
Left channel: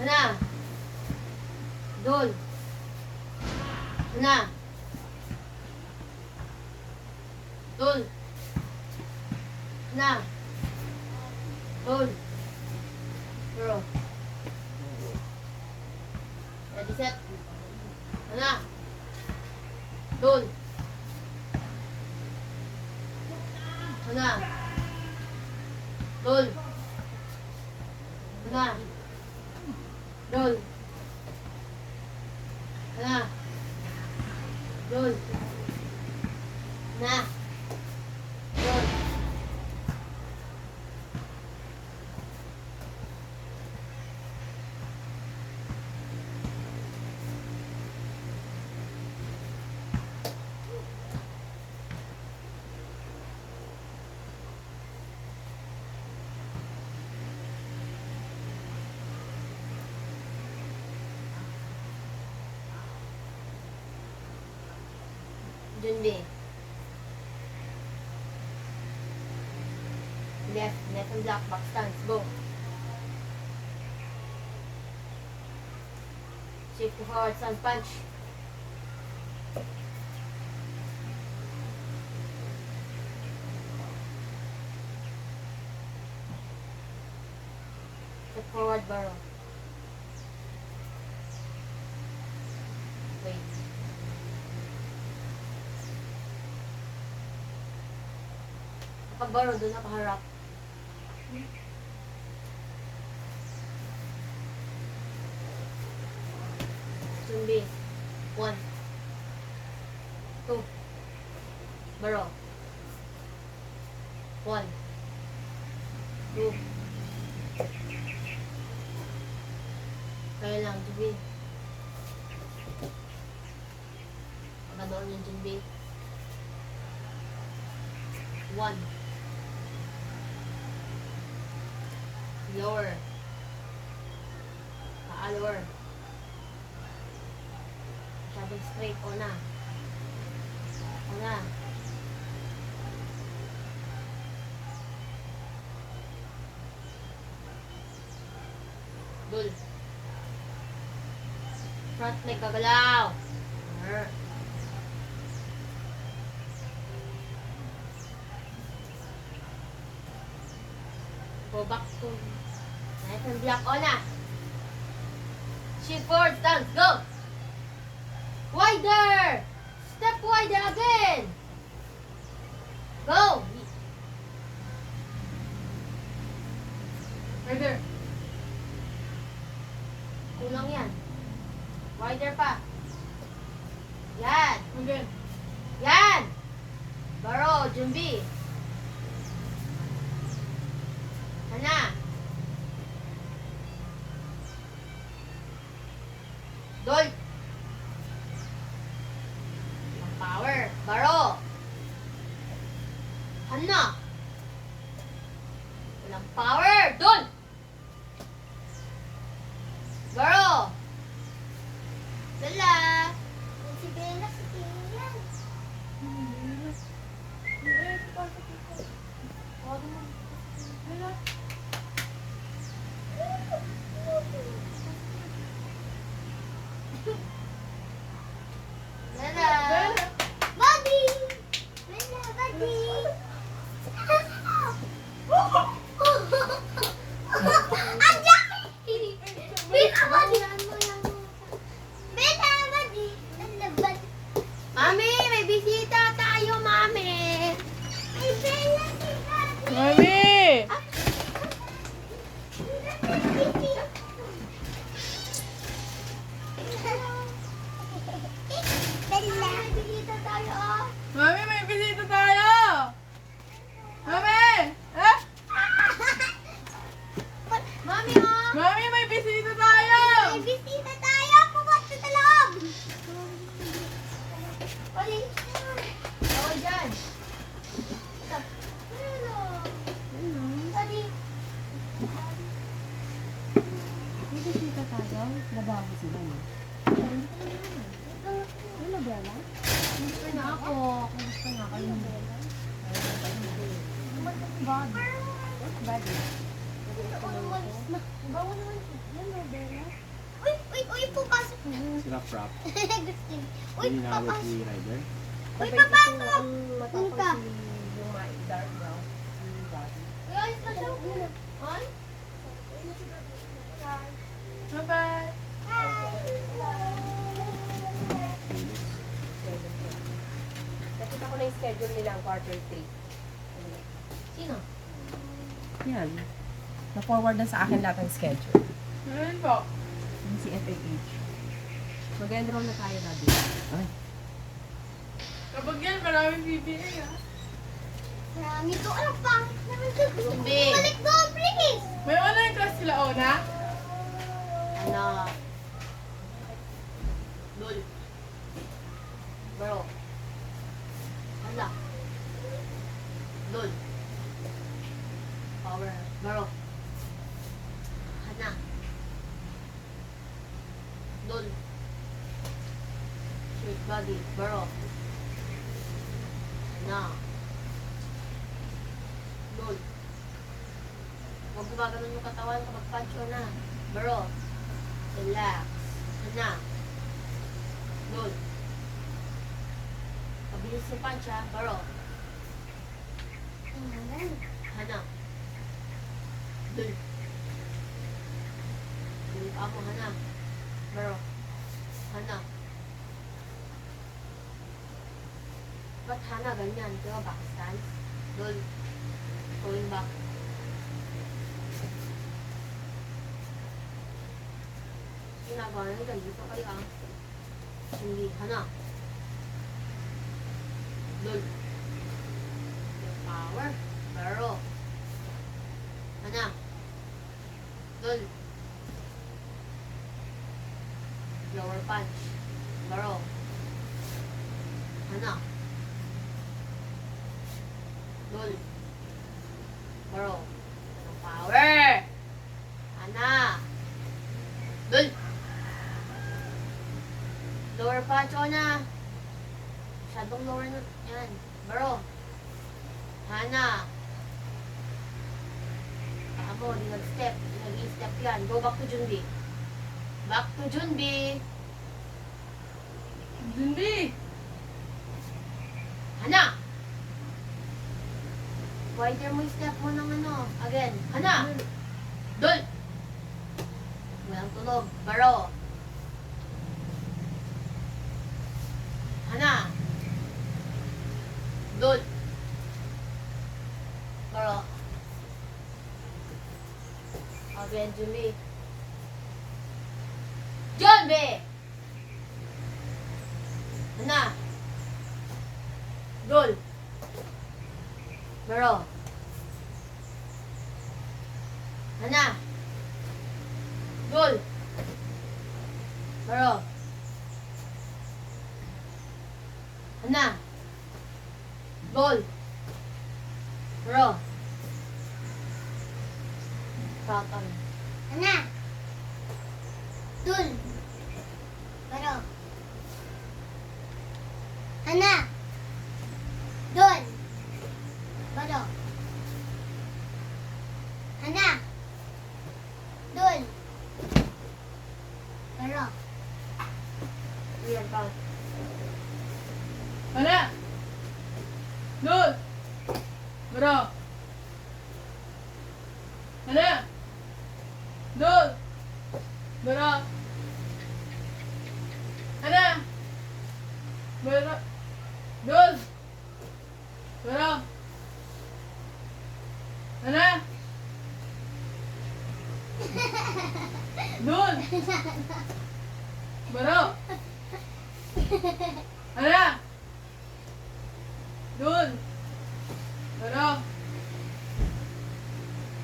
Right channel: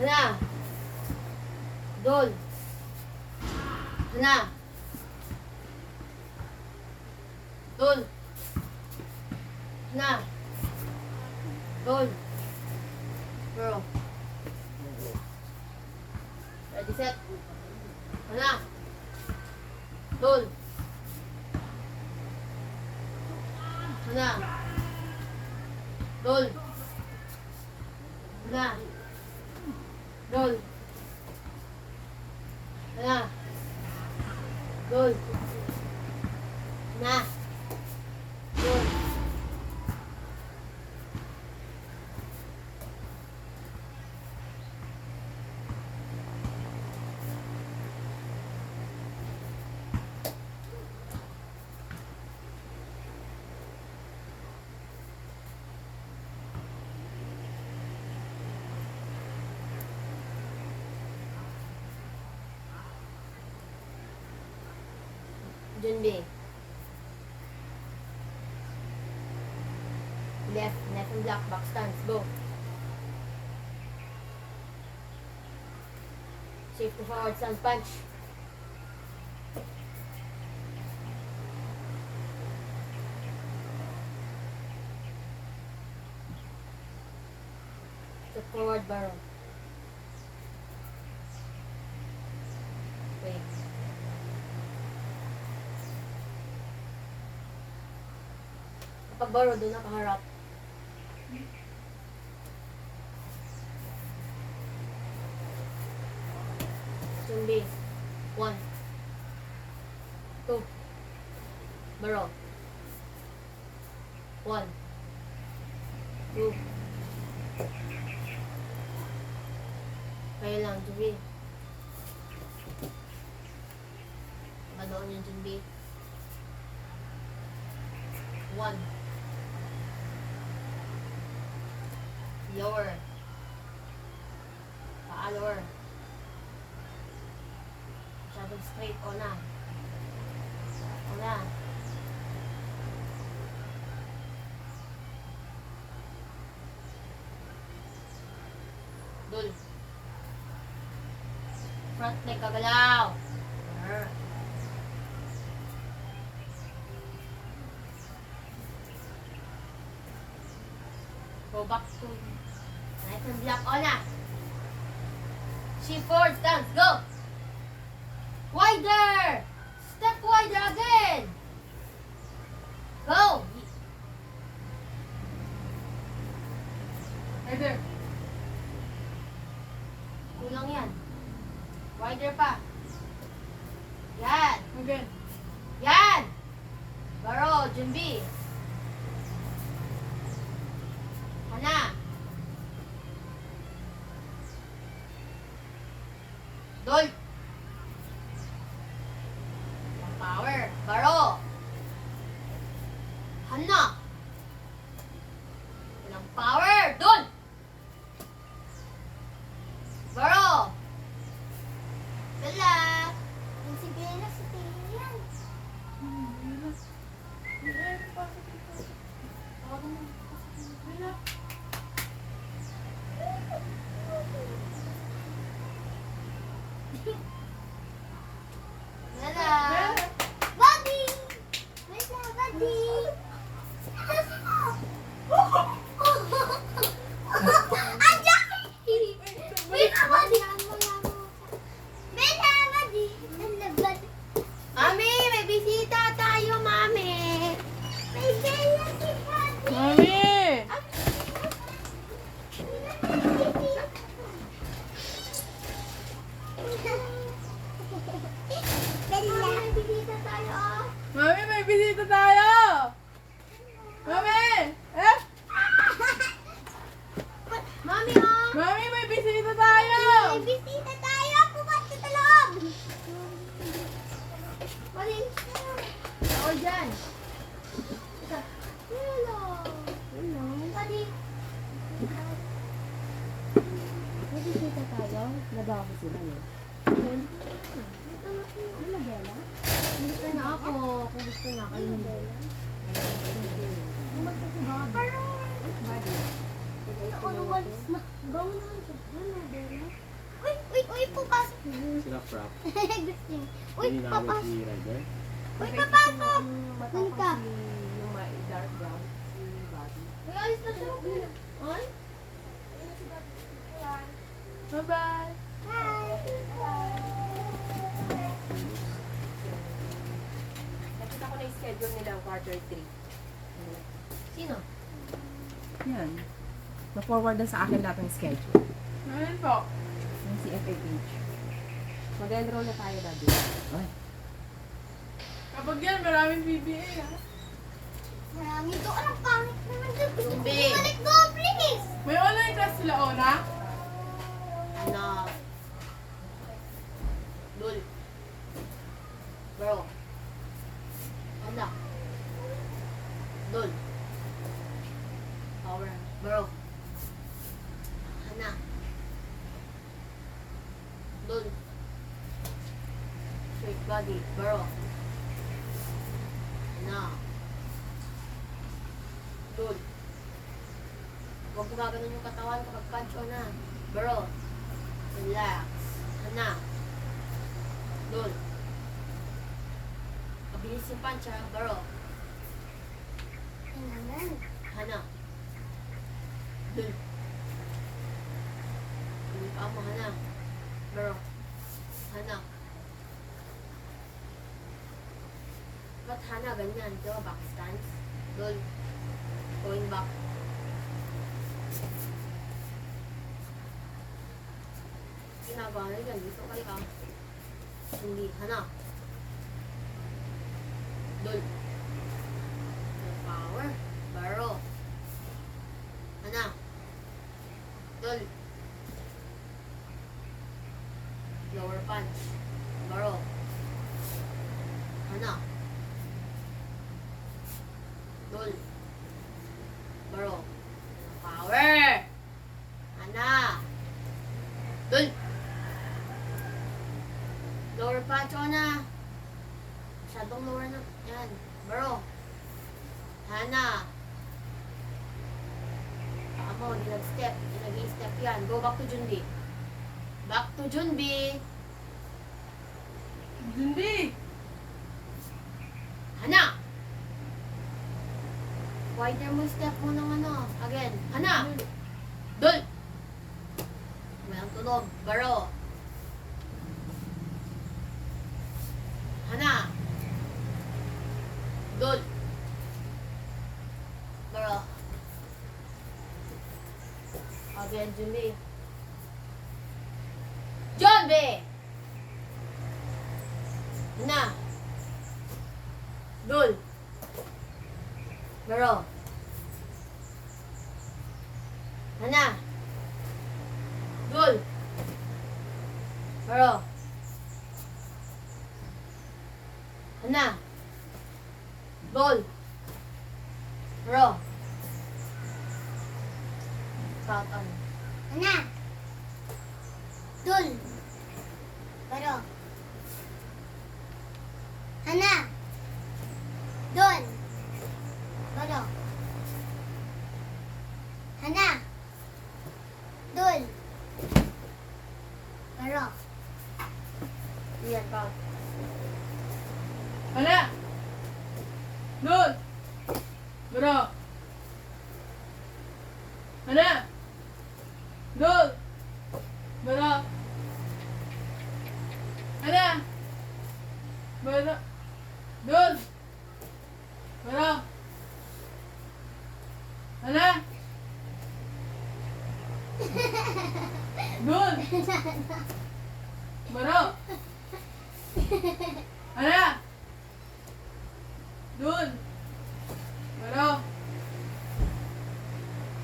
Na. Dol. Na. Dol. Na. Dol. Bro. Ready, set. Na. Dol. Na. Dol. Na. Dol. Na. Dol. Na. Dol. Junbi. Left, net and block, back stance, go. Shift to forward stance, punch. Step forward, barrel. Wait. Kapag barrel, doon nakaharap. Zumbi. 1. 2. Barrel. 1. 2. Kaya lang, Zumbi. Doon yung Zumbi. 1. Lower. Paa lower. Sabag straight. Ona. Ona. Dul. Front leg kagalaw. Go back to knife and block. Ona. Shift forward stance. Go. Wider. Step wider again. Go. Header. Kulang yan. Wider pa. Yan. Again. Yan. Baro, Jumbi. Hana. Dol. Power. Baro. Hana. Walang power. Dol. Baro. Dala. Si Bella, si Bella. Dala. Buddy! Bella, buddy! Andiyan! Bella, buddy! Bella, buddy! Bella, buddy! Mami, may bisita tayo, Mami. May Bella si Buddy! Mami! Bella! May bisita tayo, oh! Mami, may bisita tayo! Mami! Eh? Mami, oh. Mami, may bisita tayo! May bisita tayo! Pumasok sa loob! Paling Bawal dyan. Hello! Paling May bisita tayo. Lababo sila. Ano, Bella? Hindi ka na ako. Kung gusto na kayo. Body. Uy, uy, uy, pumasok! Sila prop. Gustin. Uy, Hindi na papasok! si Rider. Uy, papasok! Uy, ka! May dark brown. Body. Uy, ayos na siya. Ay? Bye-bye! Nakita ko na yung schedule nila ang quarter 3. Sino? Yan. Na-forward na sa akin lahat ng schedule. Ngayon po. Yung si FFH. Mag-enroll na tayo, Daddy. Ay, Kapag yan, maraming PBA ha. Marami to. Ang pangit naman to. Zumbi. Balik doon, please! May online class sila, Ona? Na. Dul. Bro. Hala. Dul. Power. Bro. Hana. Dul. Straight body. Bro. Na. Dul. gumaganon yung katawan kapag punch on na. Bro. Relax. Hana. Dul. Pabilis yung punch ha. Bro. Tingnan. Hana. Dul. Dul ka mo, Hana. Bro. Hana. Ba't Hana ganyan? Di ba back stance? Dul. Going back. Ginagawa nyo dyan. Dito ka lang. Hindi. Hana. Dul. Power. Baro. Hana. Dul. Lower punch. Baro. Hana. Dul. Baro. Power. Hana. Dul. Lower punch o na. Masyadong lower na. Yan. Baro. Hana. Ako, hindi nag-step. Hindi nag-step yan. Go back to Junbi. Back to Junbi. Hindi. Hana! Wider mo yung step mo ng ano. Again. Hana! Dul! Walang tunog. Baro. Hana! Dul! Baro. Again, Jumbi. Jumbi! Hana! Dul! Baro. Hana! Dul! Baro. Hana! Dul! Baro. Front on. Hana. Dul. Baro. Hana. Dul. Baro. Hana. Dul. Baro. Yan, count. Hana. Dul. Baro. Hana. Dul. Baro. Hana. Baro. Dul. Baro. Hana. Dul. Baro. Hana. Dul. Baro.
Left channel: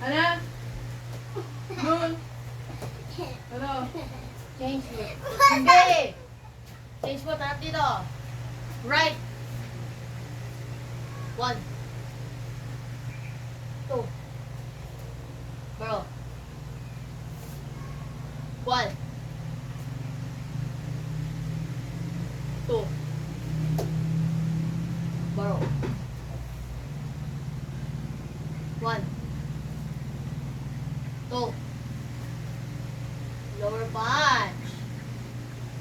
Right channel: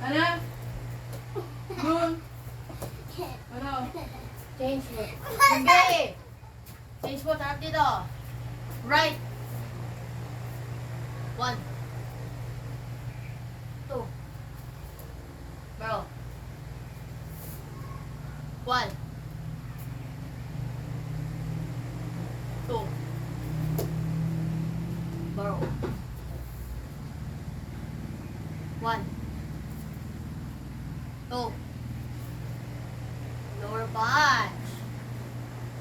Hana. Dul. Baro. Change foot. Hindi! Change foot, harap dito. Right. 1. 2. Bro. 1. 2. Bro. 1. 2. Lower punch.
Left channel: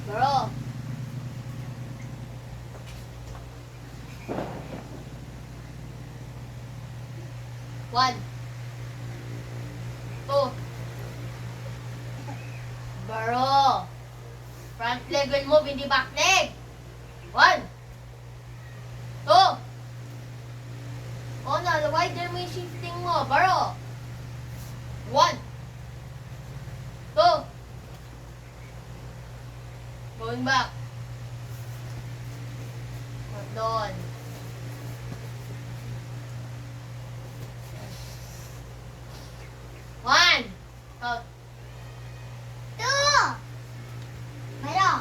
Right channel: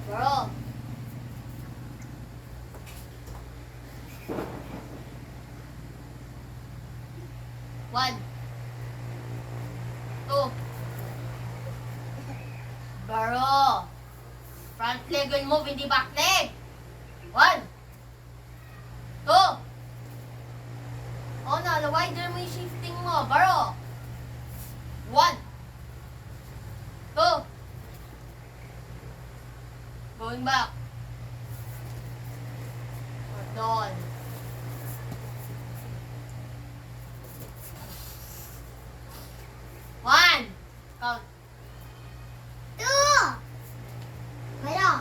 Bro. 1. 2. Baro. Front leg will move, hindi back leg. 1. 2. O na, the wider mo yung shifting mo. Baro. 1. 2. Going back. Doon. 1. Count. 2. Baro.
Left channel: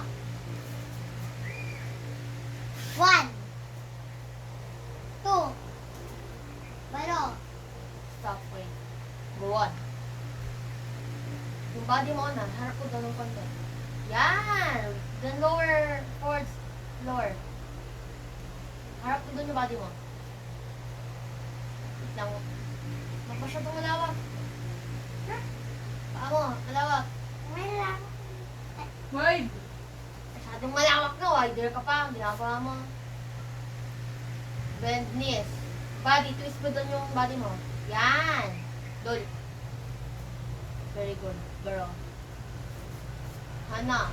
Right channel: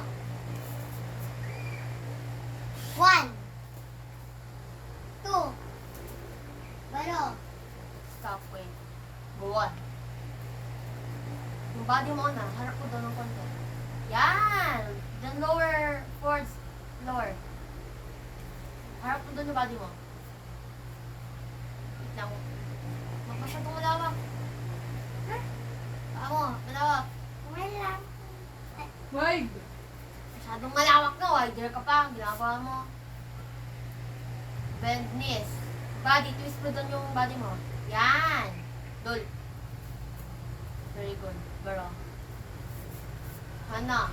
1. 2. Baro. Stop, wait. Go on. Yung body mo na, harap ko doon ng konti. Yan! Then lower, forwards, lower. Harap ko doon yung body mo. Wait lang. Masyadong malawak. Wide. Masyadong malawak na, wider ka pa. Ginagawa mo. Bend knees. Body, twist mo doon yung body mo. Yan. Dul. Very good. Baro. Hana.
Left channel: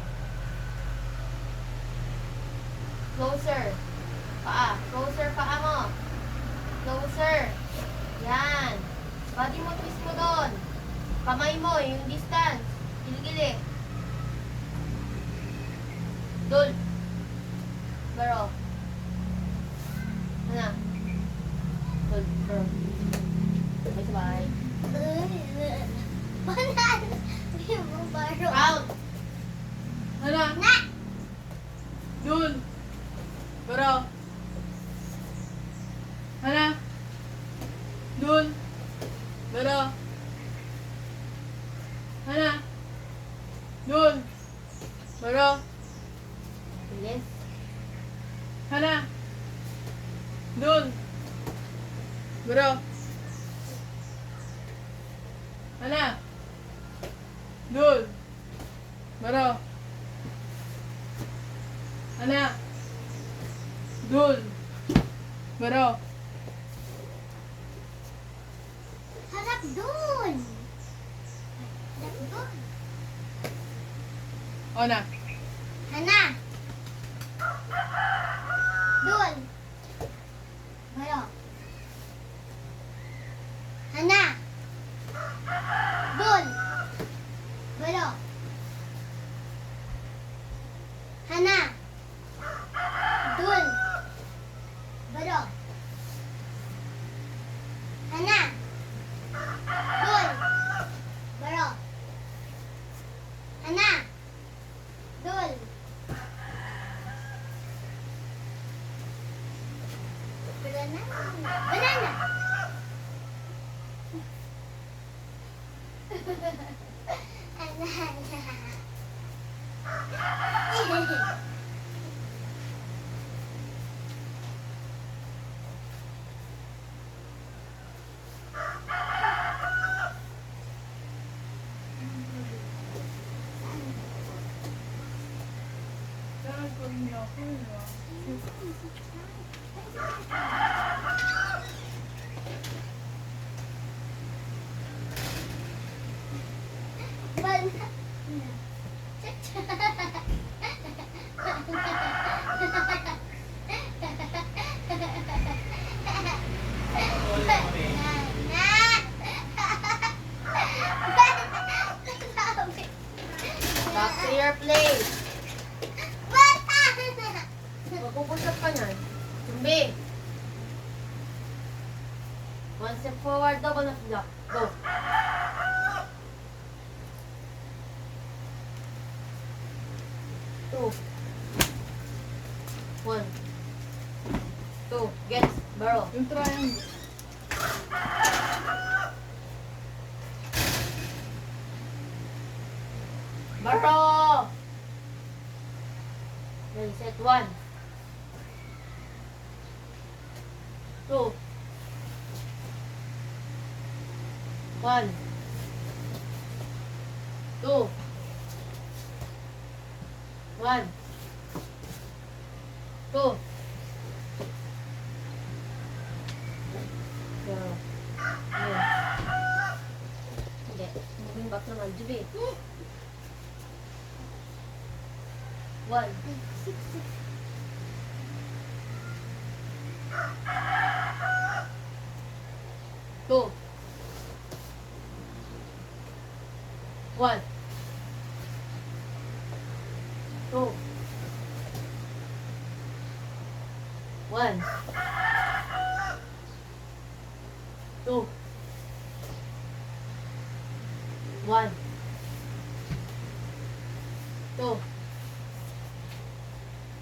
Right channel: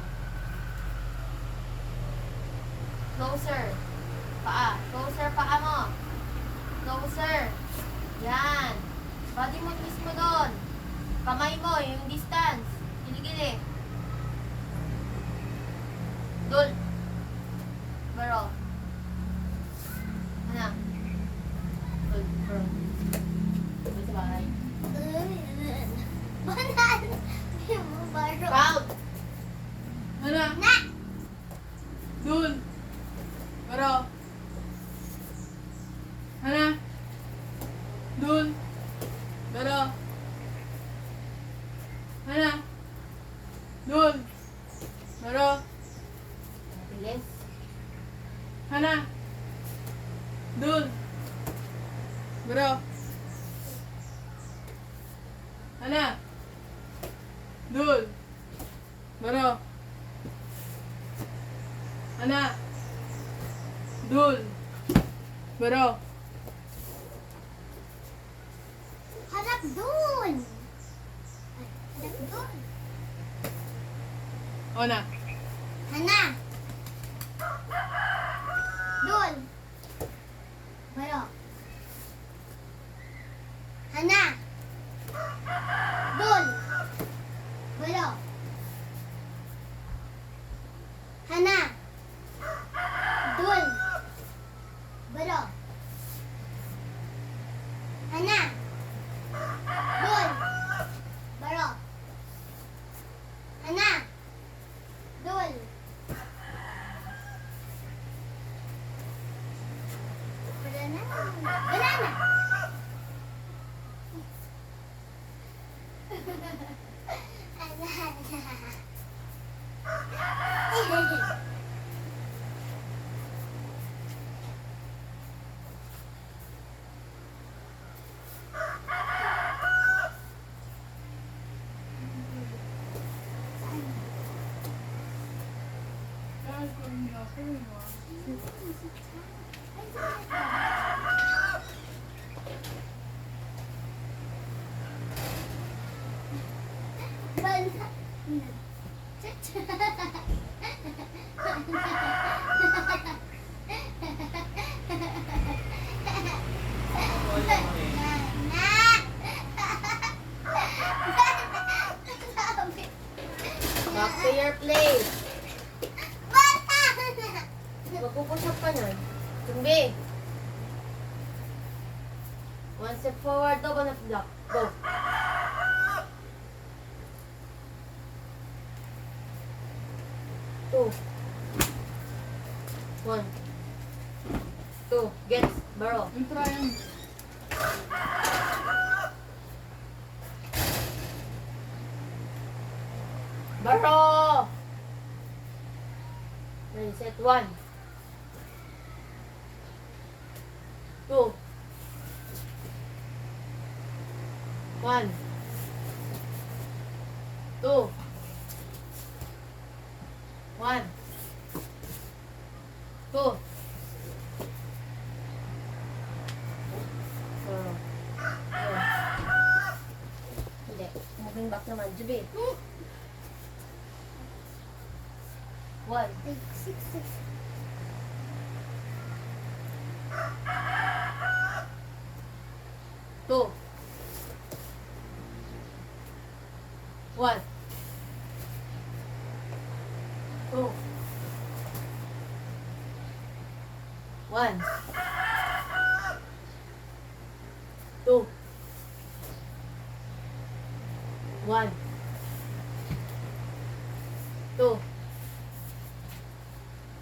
Closer. Paa. Closer paa mo. Closer. Yan. Body mo, twist mo doon. Kamay mo, yung distance. Gili-gili. Dul. Baro. Hana. Dul. Baro. Sabay-sabay. Banan. Yung baro. Round. Hana. Na. Dul. Baro. Hana. Dul. Baro. Hana. Dul. Baro. Bilis. Hana. Dul. Baro. Hana. Dul. Baro. Hana. Dul. Baro. Harap dun. Harap dun. Ona. Hana. Dun. Baro. Hana. Dun. Baro. Hana. Dun. Baro. Hana. Dun. Baro. Hana. Dun. Banana. Banana. Banana. Back to your place. Magpupusap ka niyan. Tumbi. One step forward, double na block. Go. Two. One. Two. Get. Baro. Yung triangle. Baro! Ready, set. One. Two. One. Two. One. Two. Hindi. Moving back naman. Jubit. One. Two. One. Two. One. Two. One. Two.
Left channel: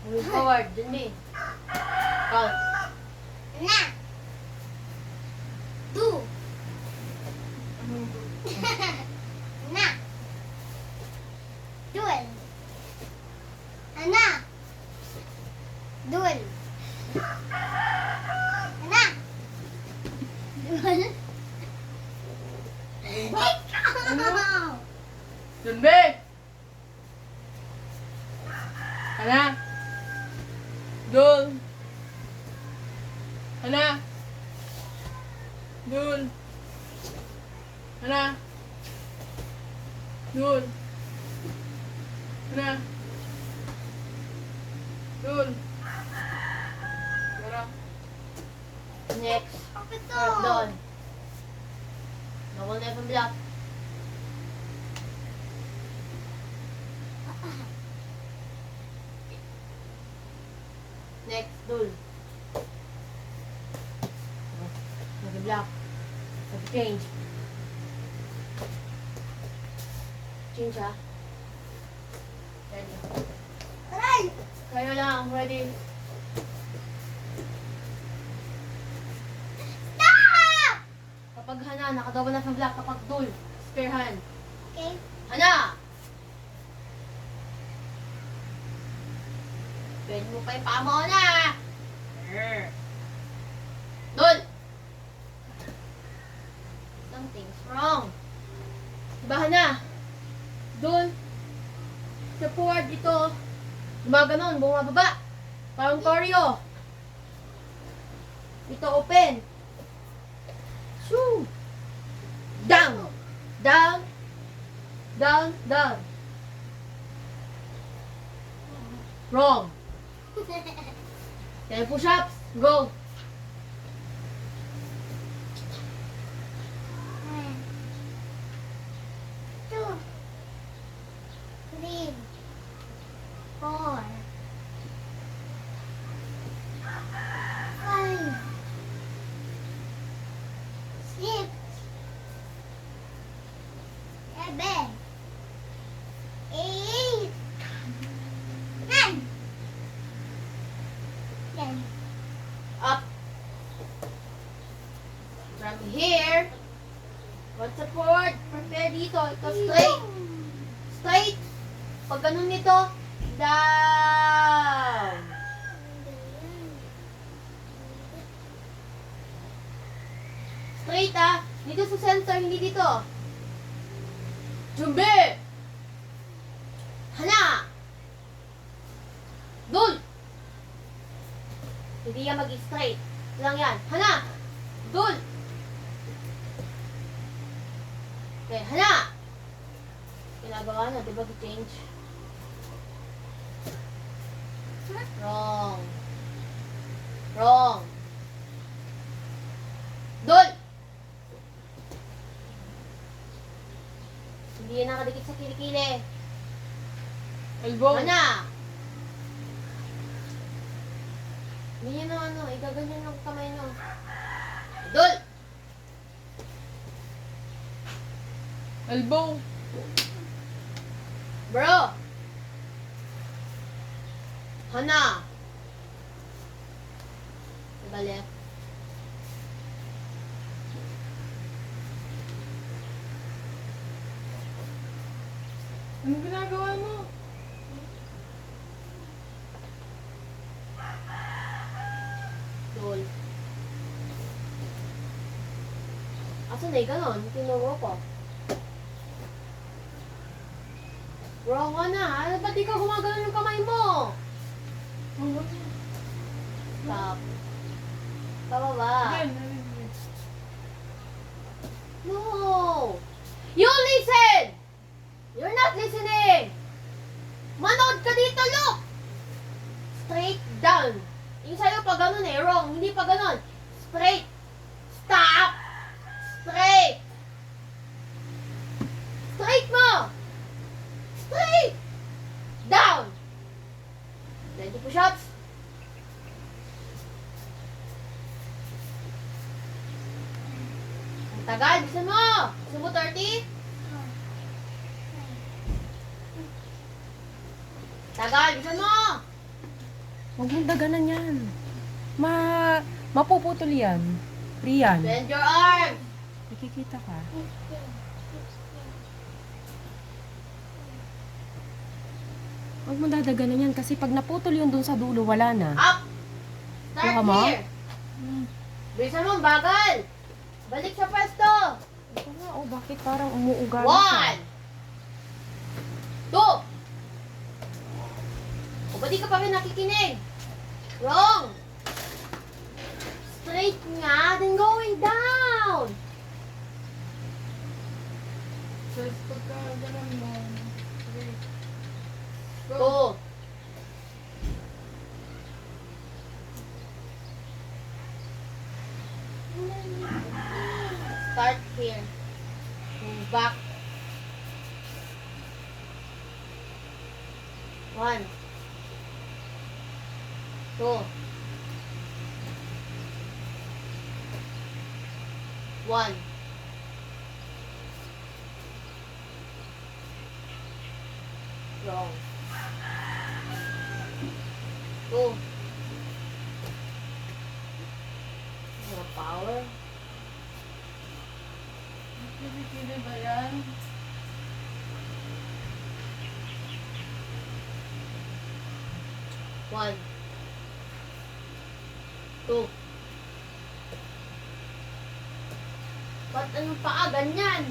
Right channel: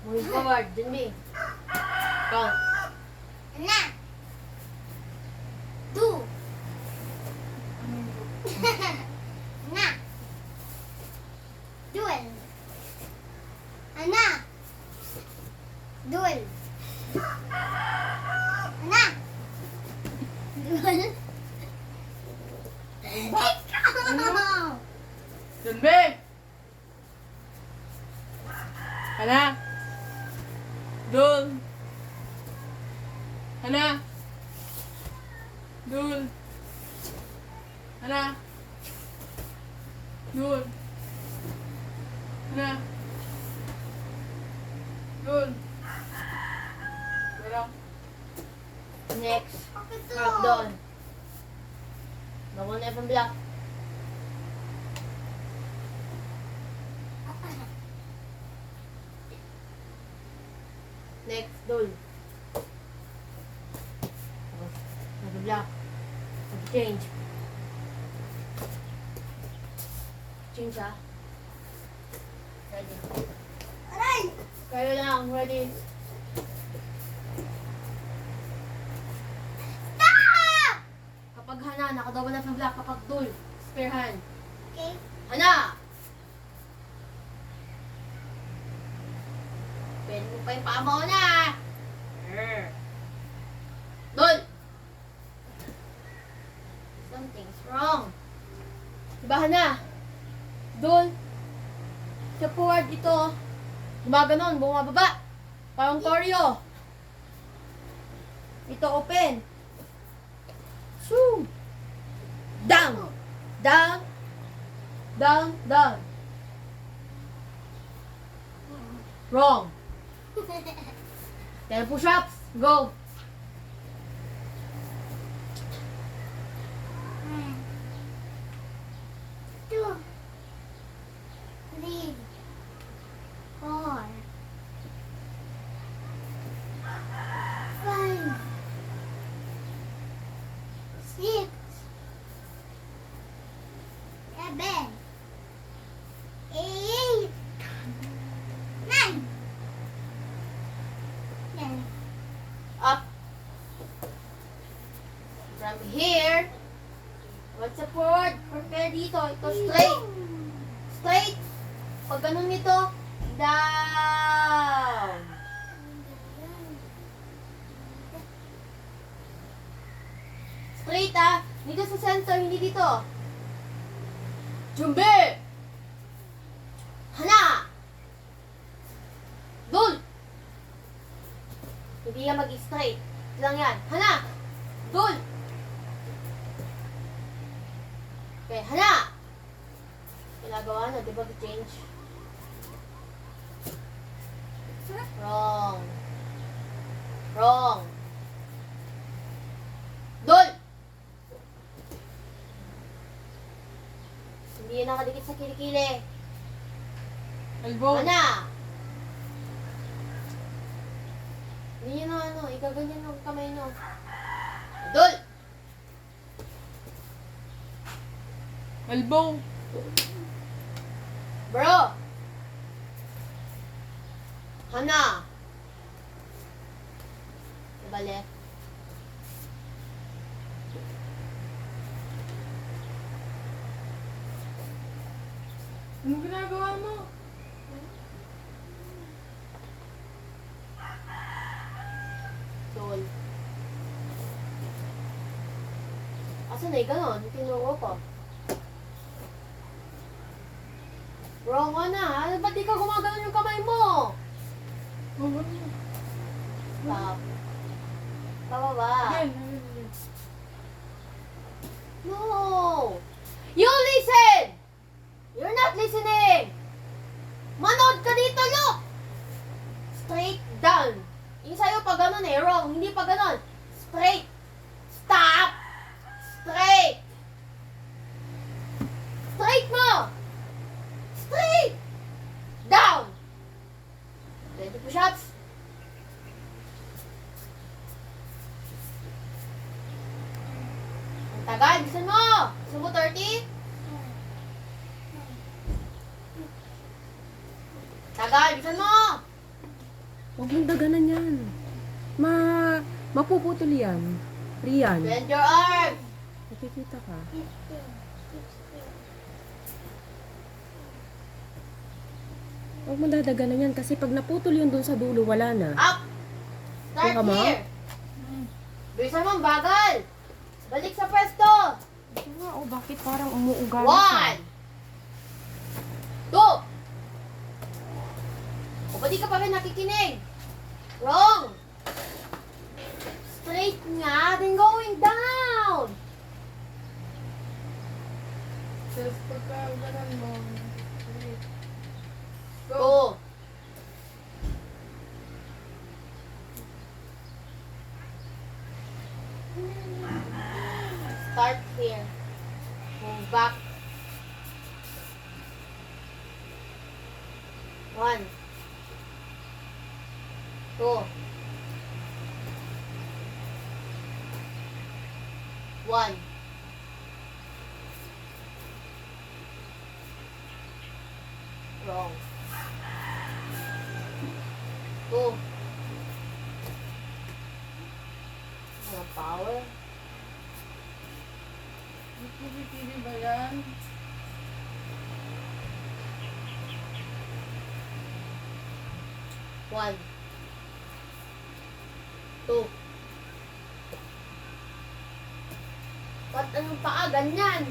Moving forward, dun me. Count. Na. Du. Na. Duel. Ana. Duel. Ana. Duel. Ikaw. Dun, be! Hana. Dun. Hana. Dun. Pero. Next. Bakit to? Mark doon. Bawal na yung block. Next, Dul. Nag-block. Nag-change. Change ah. Ready. Aray! Kayo lang, ready. Stop! Kapag Hana, nakadawal na sa block. Kapag Dul, spare hand. Okay. Hana! Pwede mo pa yung paa mo na! Dul! Something's wrong. Diba Hana? Dul, sa forward ito, gumaganon, bumababa. Parang choreo. Ito open. Shoo! Down! Down! Down! Down! Wrong! 10 push-ups. Go! One, two, three, four, five, six, seven, eight, nine, ten. Up. From here, what's the forward? Prepare dito. Ito straight. Straight. Pag ganun nito, down. Straight ah. Dito sa center, hindi dito. Jumbe! Hana! Dul! Hindi yan mag-straight. Ito lang yan. Hana! Dul! Okay, Hana! Ginagawa na, di ba? Change. Wrong. Wrong. Dul! Hindi yan nakadikit sa kilikili. Elbow. Hana! Hindi yun ano, igaganyan yung kamay no. Dul! Elbow. Bro! Hana! Balik. Anong ginagawa mo? Dul. Asan na ganon? Kinuha pa. Wrong ka na. Ano ba't di ka gumagano yung kamay mo? Oh, what? Stop. Bababa. Again. Again. No! You listen! You're not listening! Manood ka dito, look! Straight down. Yung sa'yo pa ganun eh, wrong. Hindi pa ganun. Straight. Stop! Straight! Straight mo! Straight! Down! 20 push-ups. Tagal, bisan mo! Gusto mo 30? Tagal, bisan mo! Huwag mong daganan yan. Mapuputol yan. Rian. Bend your arm! Nakikita ka. 15, 16, Huwag mong dadaganan yan kasi pag naputol yun dun sa dulo, wala na. Up! Start Kuha mo? here! Bilisan mo, bagal! Balik sa pwesto! Ito nga, oh, bakit parang umuugali siya? 1! 2! O, ba't di ka pa rin nakikinig? Wrong! Straight nga, then going down! Tapos pagka ganun mo, 3. Go. Go. Start here. Move back. 1, 2, 1. Wrong. 2. More power. Pili-pili ba yan? One, two. Ba't anong paa? Ganyan.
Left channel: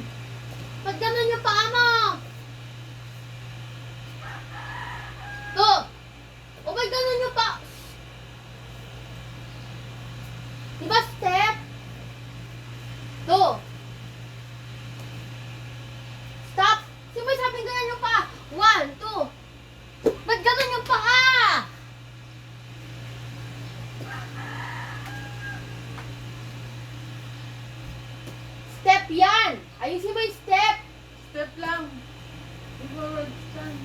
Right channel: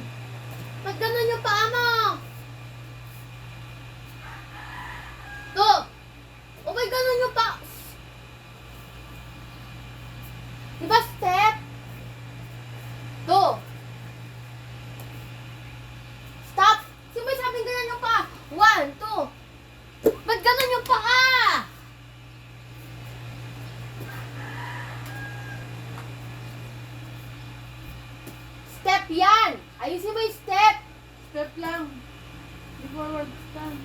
Ba't ganun yung paa mo? Two. O ba't ganun yung paa? Diba step? Two. Stop. Sino ba sabing ganyan yung paa? 1, 2. Ba't ganun yung paa? Step yan! Ayusin mo yung step! Step lang. Di forward stand.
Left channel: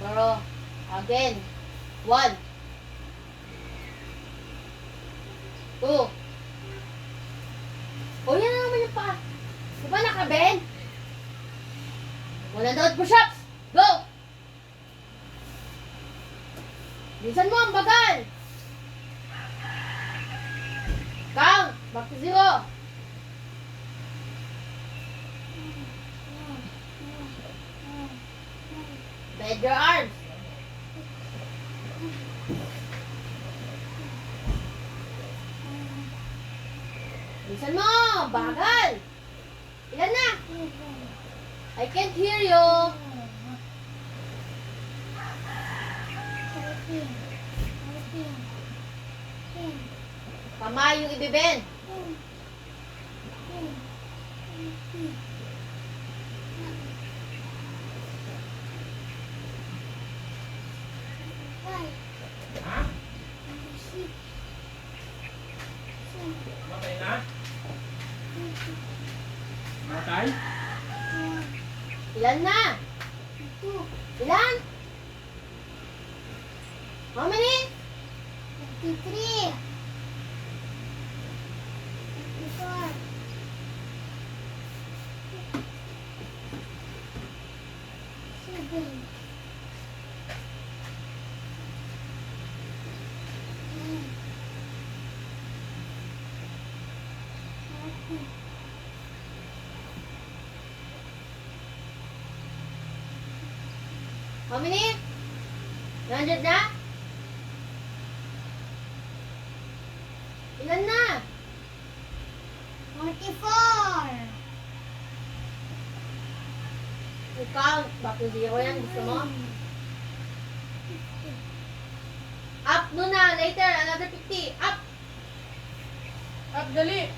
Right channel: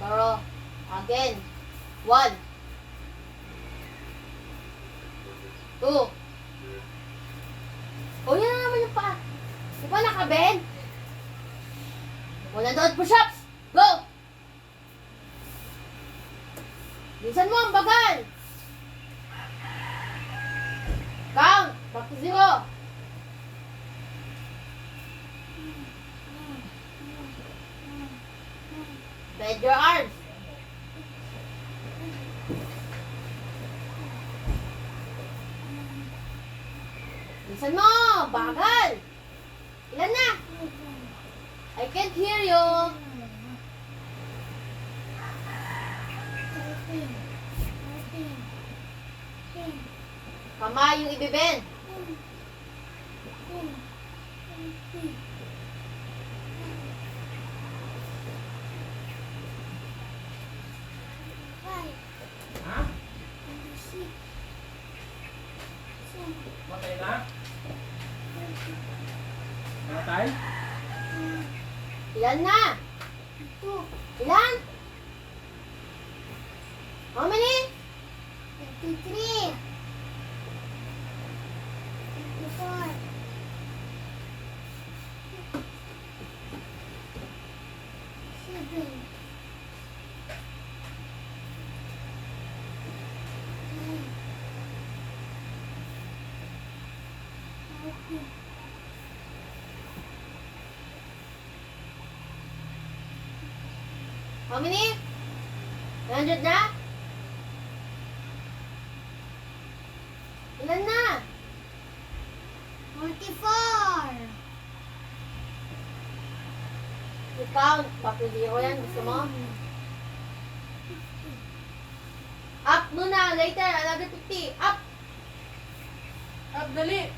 Baro, again. 1, 2. O yan na naman yung paa. Di ba nakabend? Muna doon, push-ups! Go! Bilisan mo ang bagal! Count! Back to 0. Bend your arms. Bilisan mo! Bagal! Ilan na? I can't hear you. 13, 14, 10, Kamay yung ibibend. 10, 20, 25, Ha? 26, Matay na? 27, Matay? 28, Ilan na? 32, Ilan? How many? 33, 34, 7, 9, 10, 11, How many? 100 na? Ilan na? 44, You count. Back to 0 yan. Gusto mo? Up muna. Later. Another 50. Up. Up, dali.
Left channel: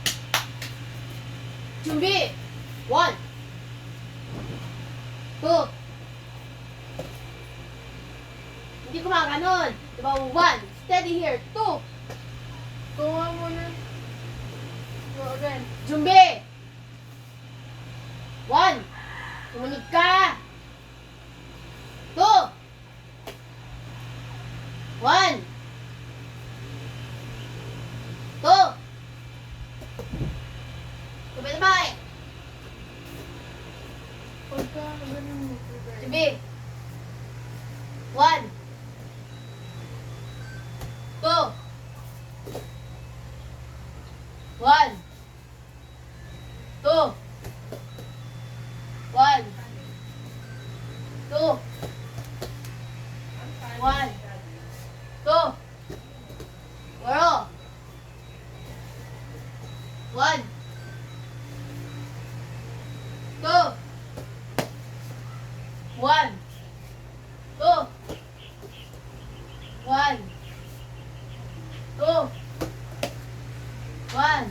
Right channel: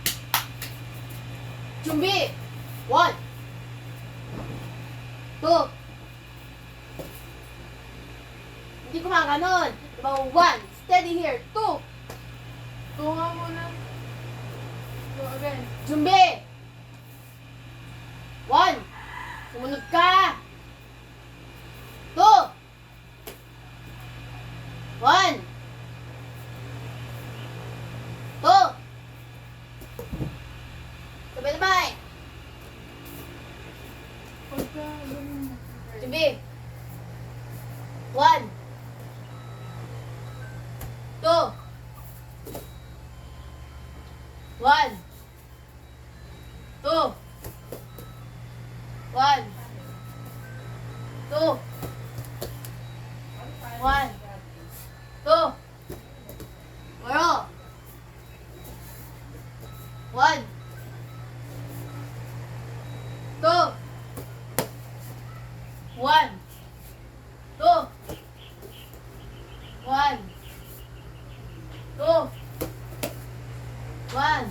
Chumbi. 1, 2. Hindi kumakanon. Diba? 1. Steady here. 2. Tunga muna. Go again. Chumbi. 1. Sumunod ka. 2. 1. 2. Sabay-sabay. Pagka ganun mo. Chumbi. 1. 2. 1. 2. 1. 2. 1. 2. Baro. 1. 2. 1. 2. 1. 2. 1.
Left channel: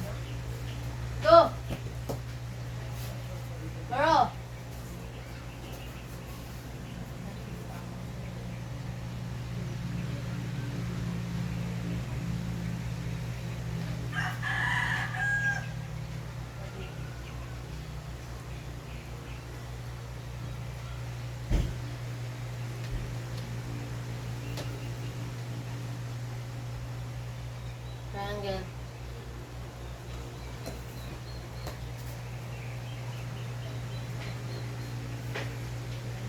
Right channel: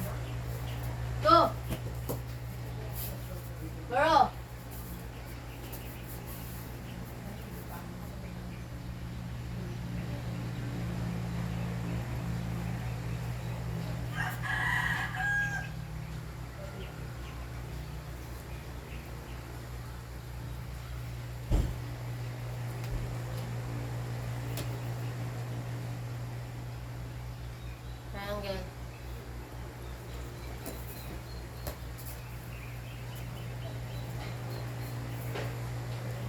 Triangle.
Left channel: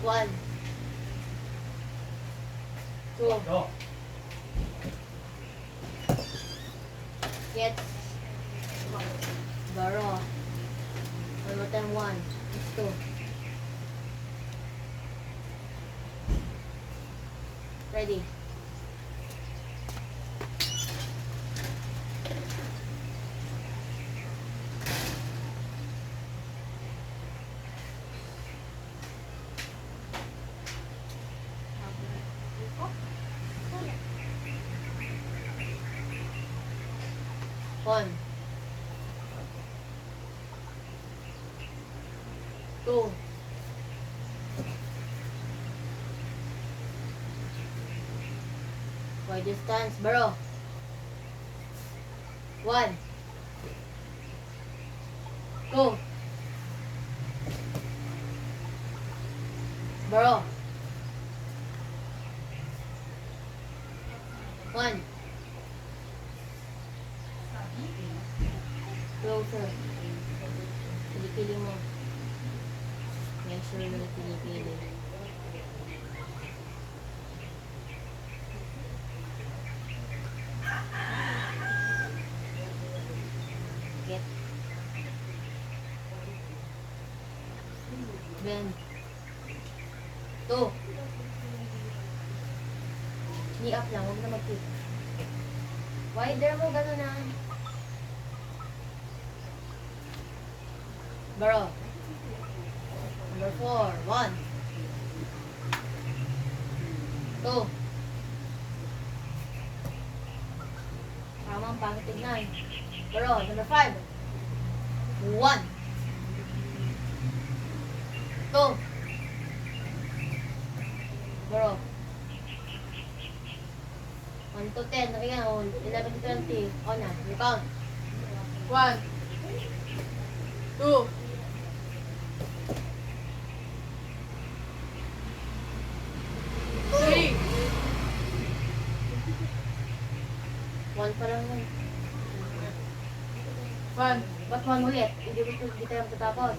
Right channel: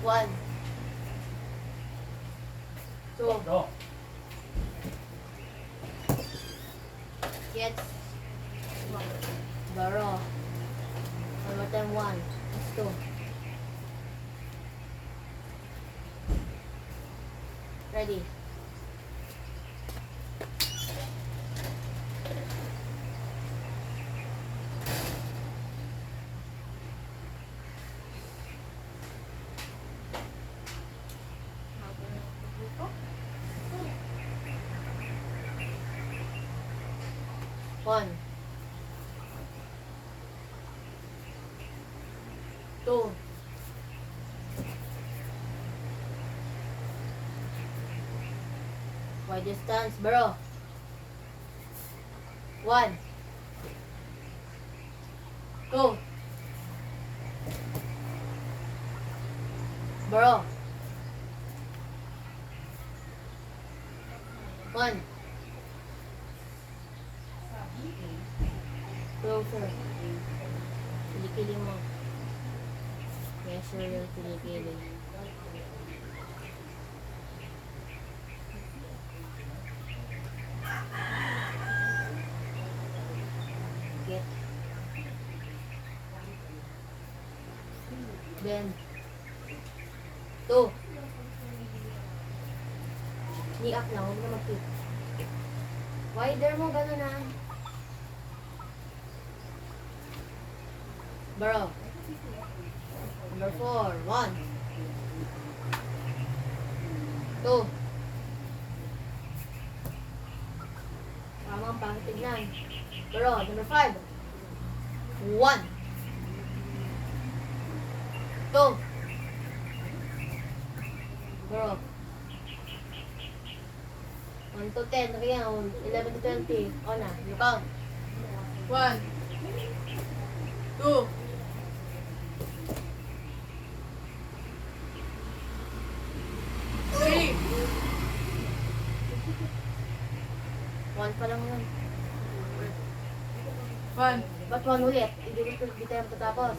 One. Two. Go. Get. Borrow. Number 10, one. It's two. Ready. One. Two. Wide distance, bro. One. Go. Bro. One. Closer. Kilikili mo. Make sure you're kilikili. Get. Bend. Two. Knee up lang, huwag na mag-tip. Wider mo, gano'n na. Bro. Number 4. 1. 2. Tama ang pangit tignan. Bro. Number 5. 1. 2. Bro. 1 to 10. Ayan, 11 to 20. On na. You count. 1, 2, 3, 1 pa lang yun. 1, Ba't 1 ulit? Hindi tayo matatapos.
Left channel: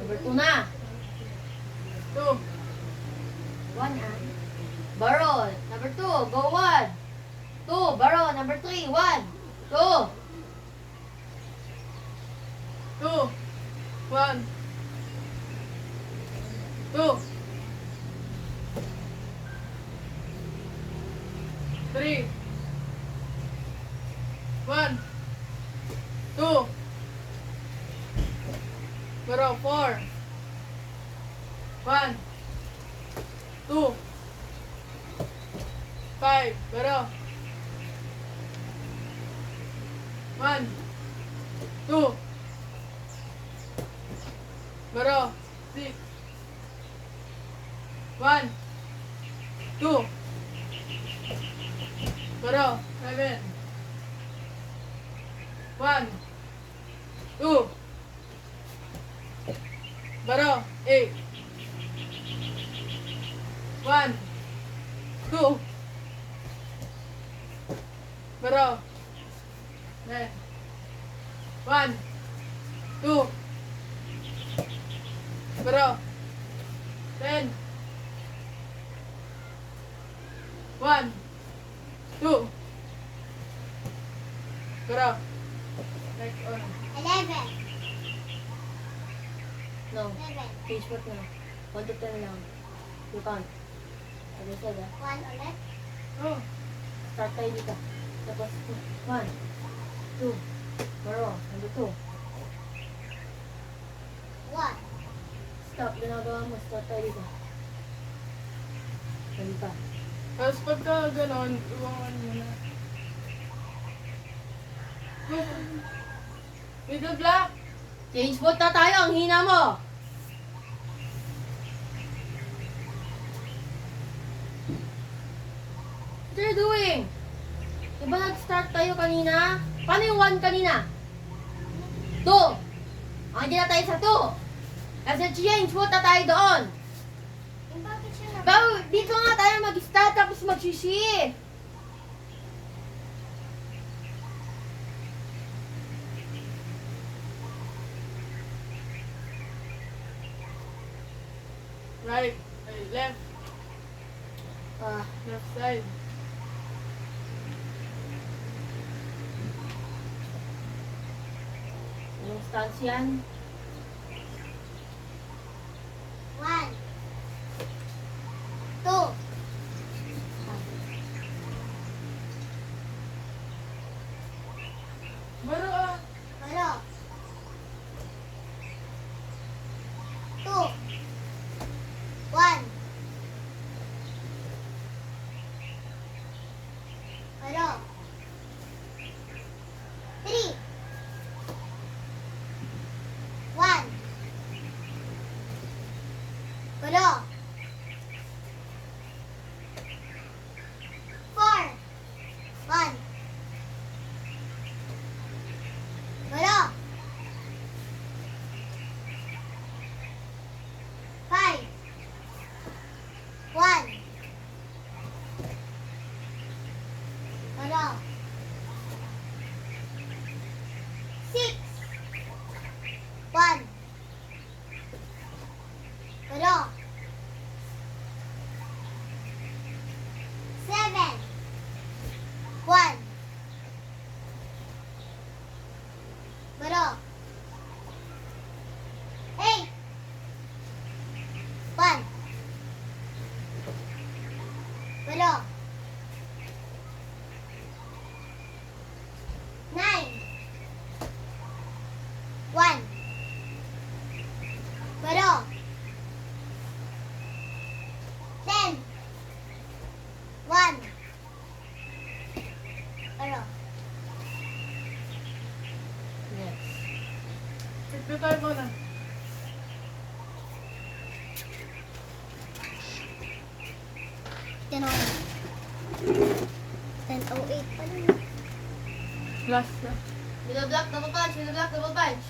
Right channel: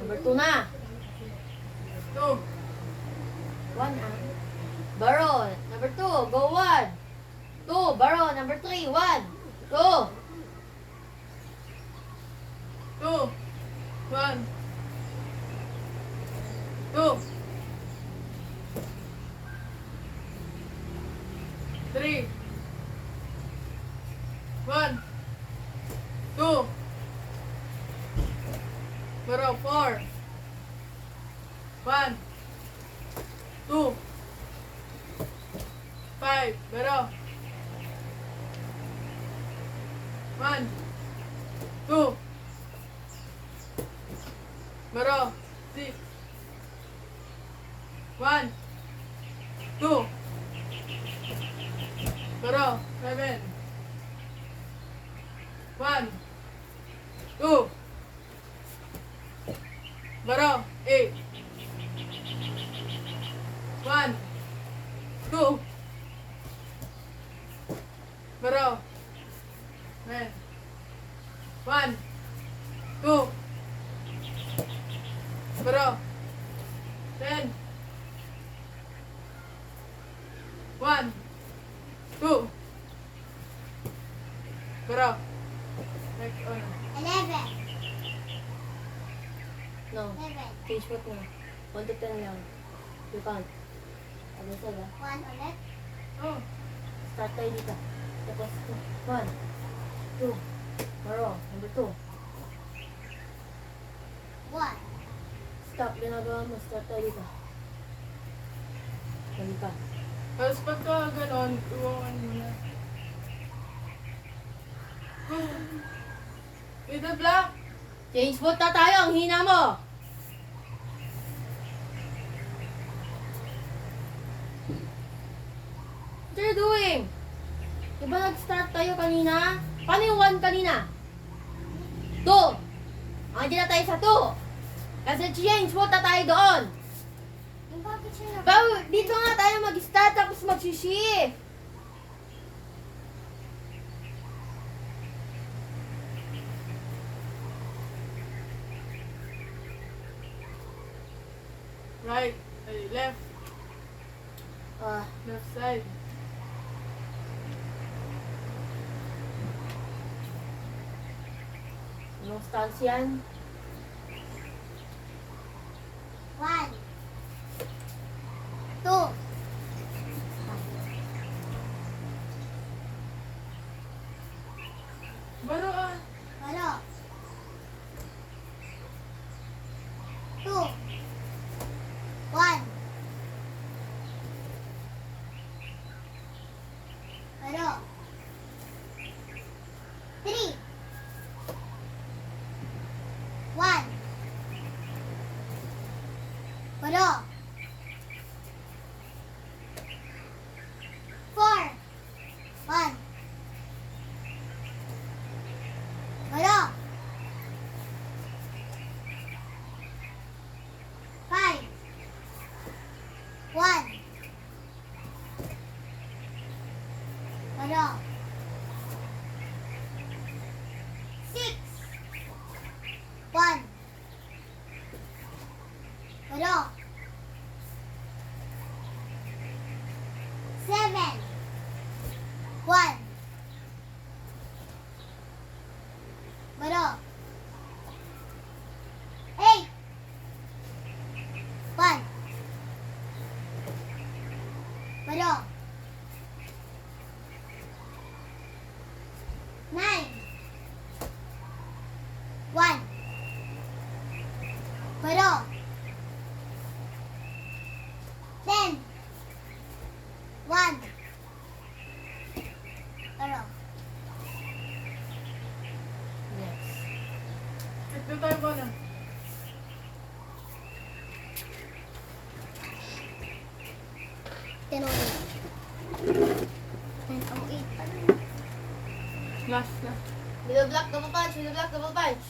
Number 2 na. 2, 1 ah. Borrow. Number 2. Go 1. 2. Borrow. Number 3. 1. Go. 2, 1, 2, 3, 1, 2, bro, 4, 1, 2, 5, bro, 1, 2, bro, 6, 1, 2, bro, 7, 1, 2, bro, 8, 1, 2, bro, 9, 1, 2, bro, 10, 1, 2, bro, like on, 11. No. 11. Change what na. 1 to 10 lang. You count. Ano sa ba? 1 ulit. oh, Start tayo dito. Tapos 1. 2. Borrow. Number 2. 1. Stop. Ginagawa mo. Start tayo dito. Dali pa. tapos pagka ganon, iwangan mo na. Middle block, Change foot na tayo. Ang hina mo. What are you doing? Diba nag-start tayo kanina? Paano yung 1 kanina? 2. Andiyan na tayo sa 2. Kasi change foot na tayo doon. Yung bakit siya Pero dito nga tayo mag-start tapos mag-shift. Right. Ay, left. Ah, Left side. anong stance yan? 1, 2, Baro ah. baro. 2, 1. Baro. 3, 1. Baro. 4, 1. Baro. 5, 1. Baro. 6, 1. Baro. 7, 1. Baro. 8, 1. Baro. 9, 1. Baro. 10, 1. Baro. Yes. Ito tayo mo na. Ten 10:08 pa rin. Last na. Middle block, double punch, middle block, double punch.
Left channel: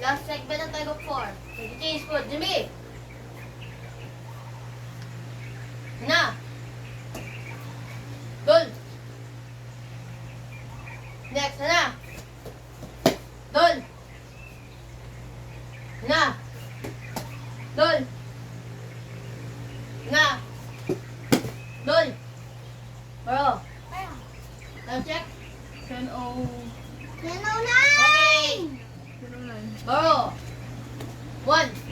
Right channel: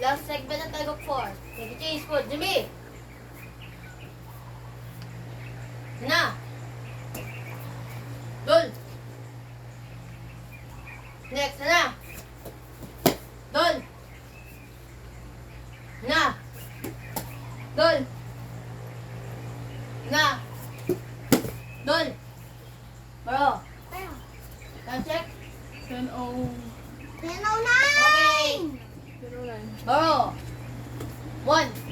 Last segment ng Tag of 4. Nag-change po, Jimmy. Na. Dol. Next, na. Dol. Na. Dol. Na. Dol. Baro. Time check. 10:09. 10:09! Okay. Baro. 1.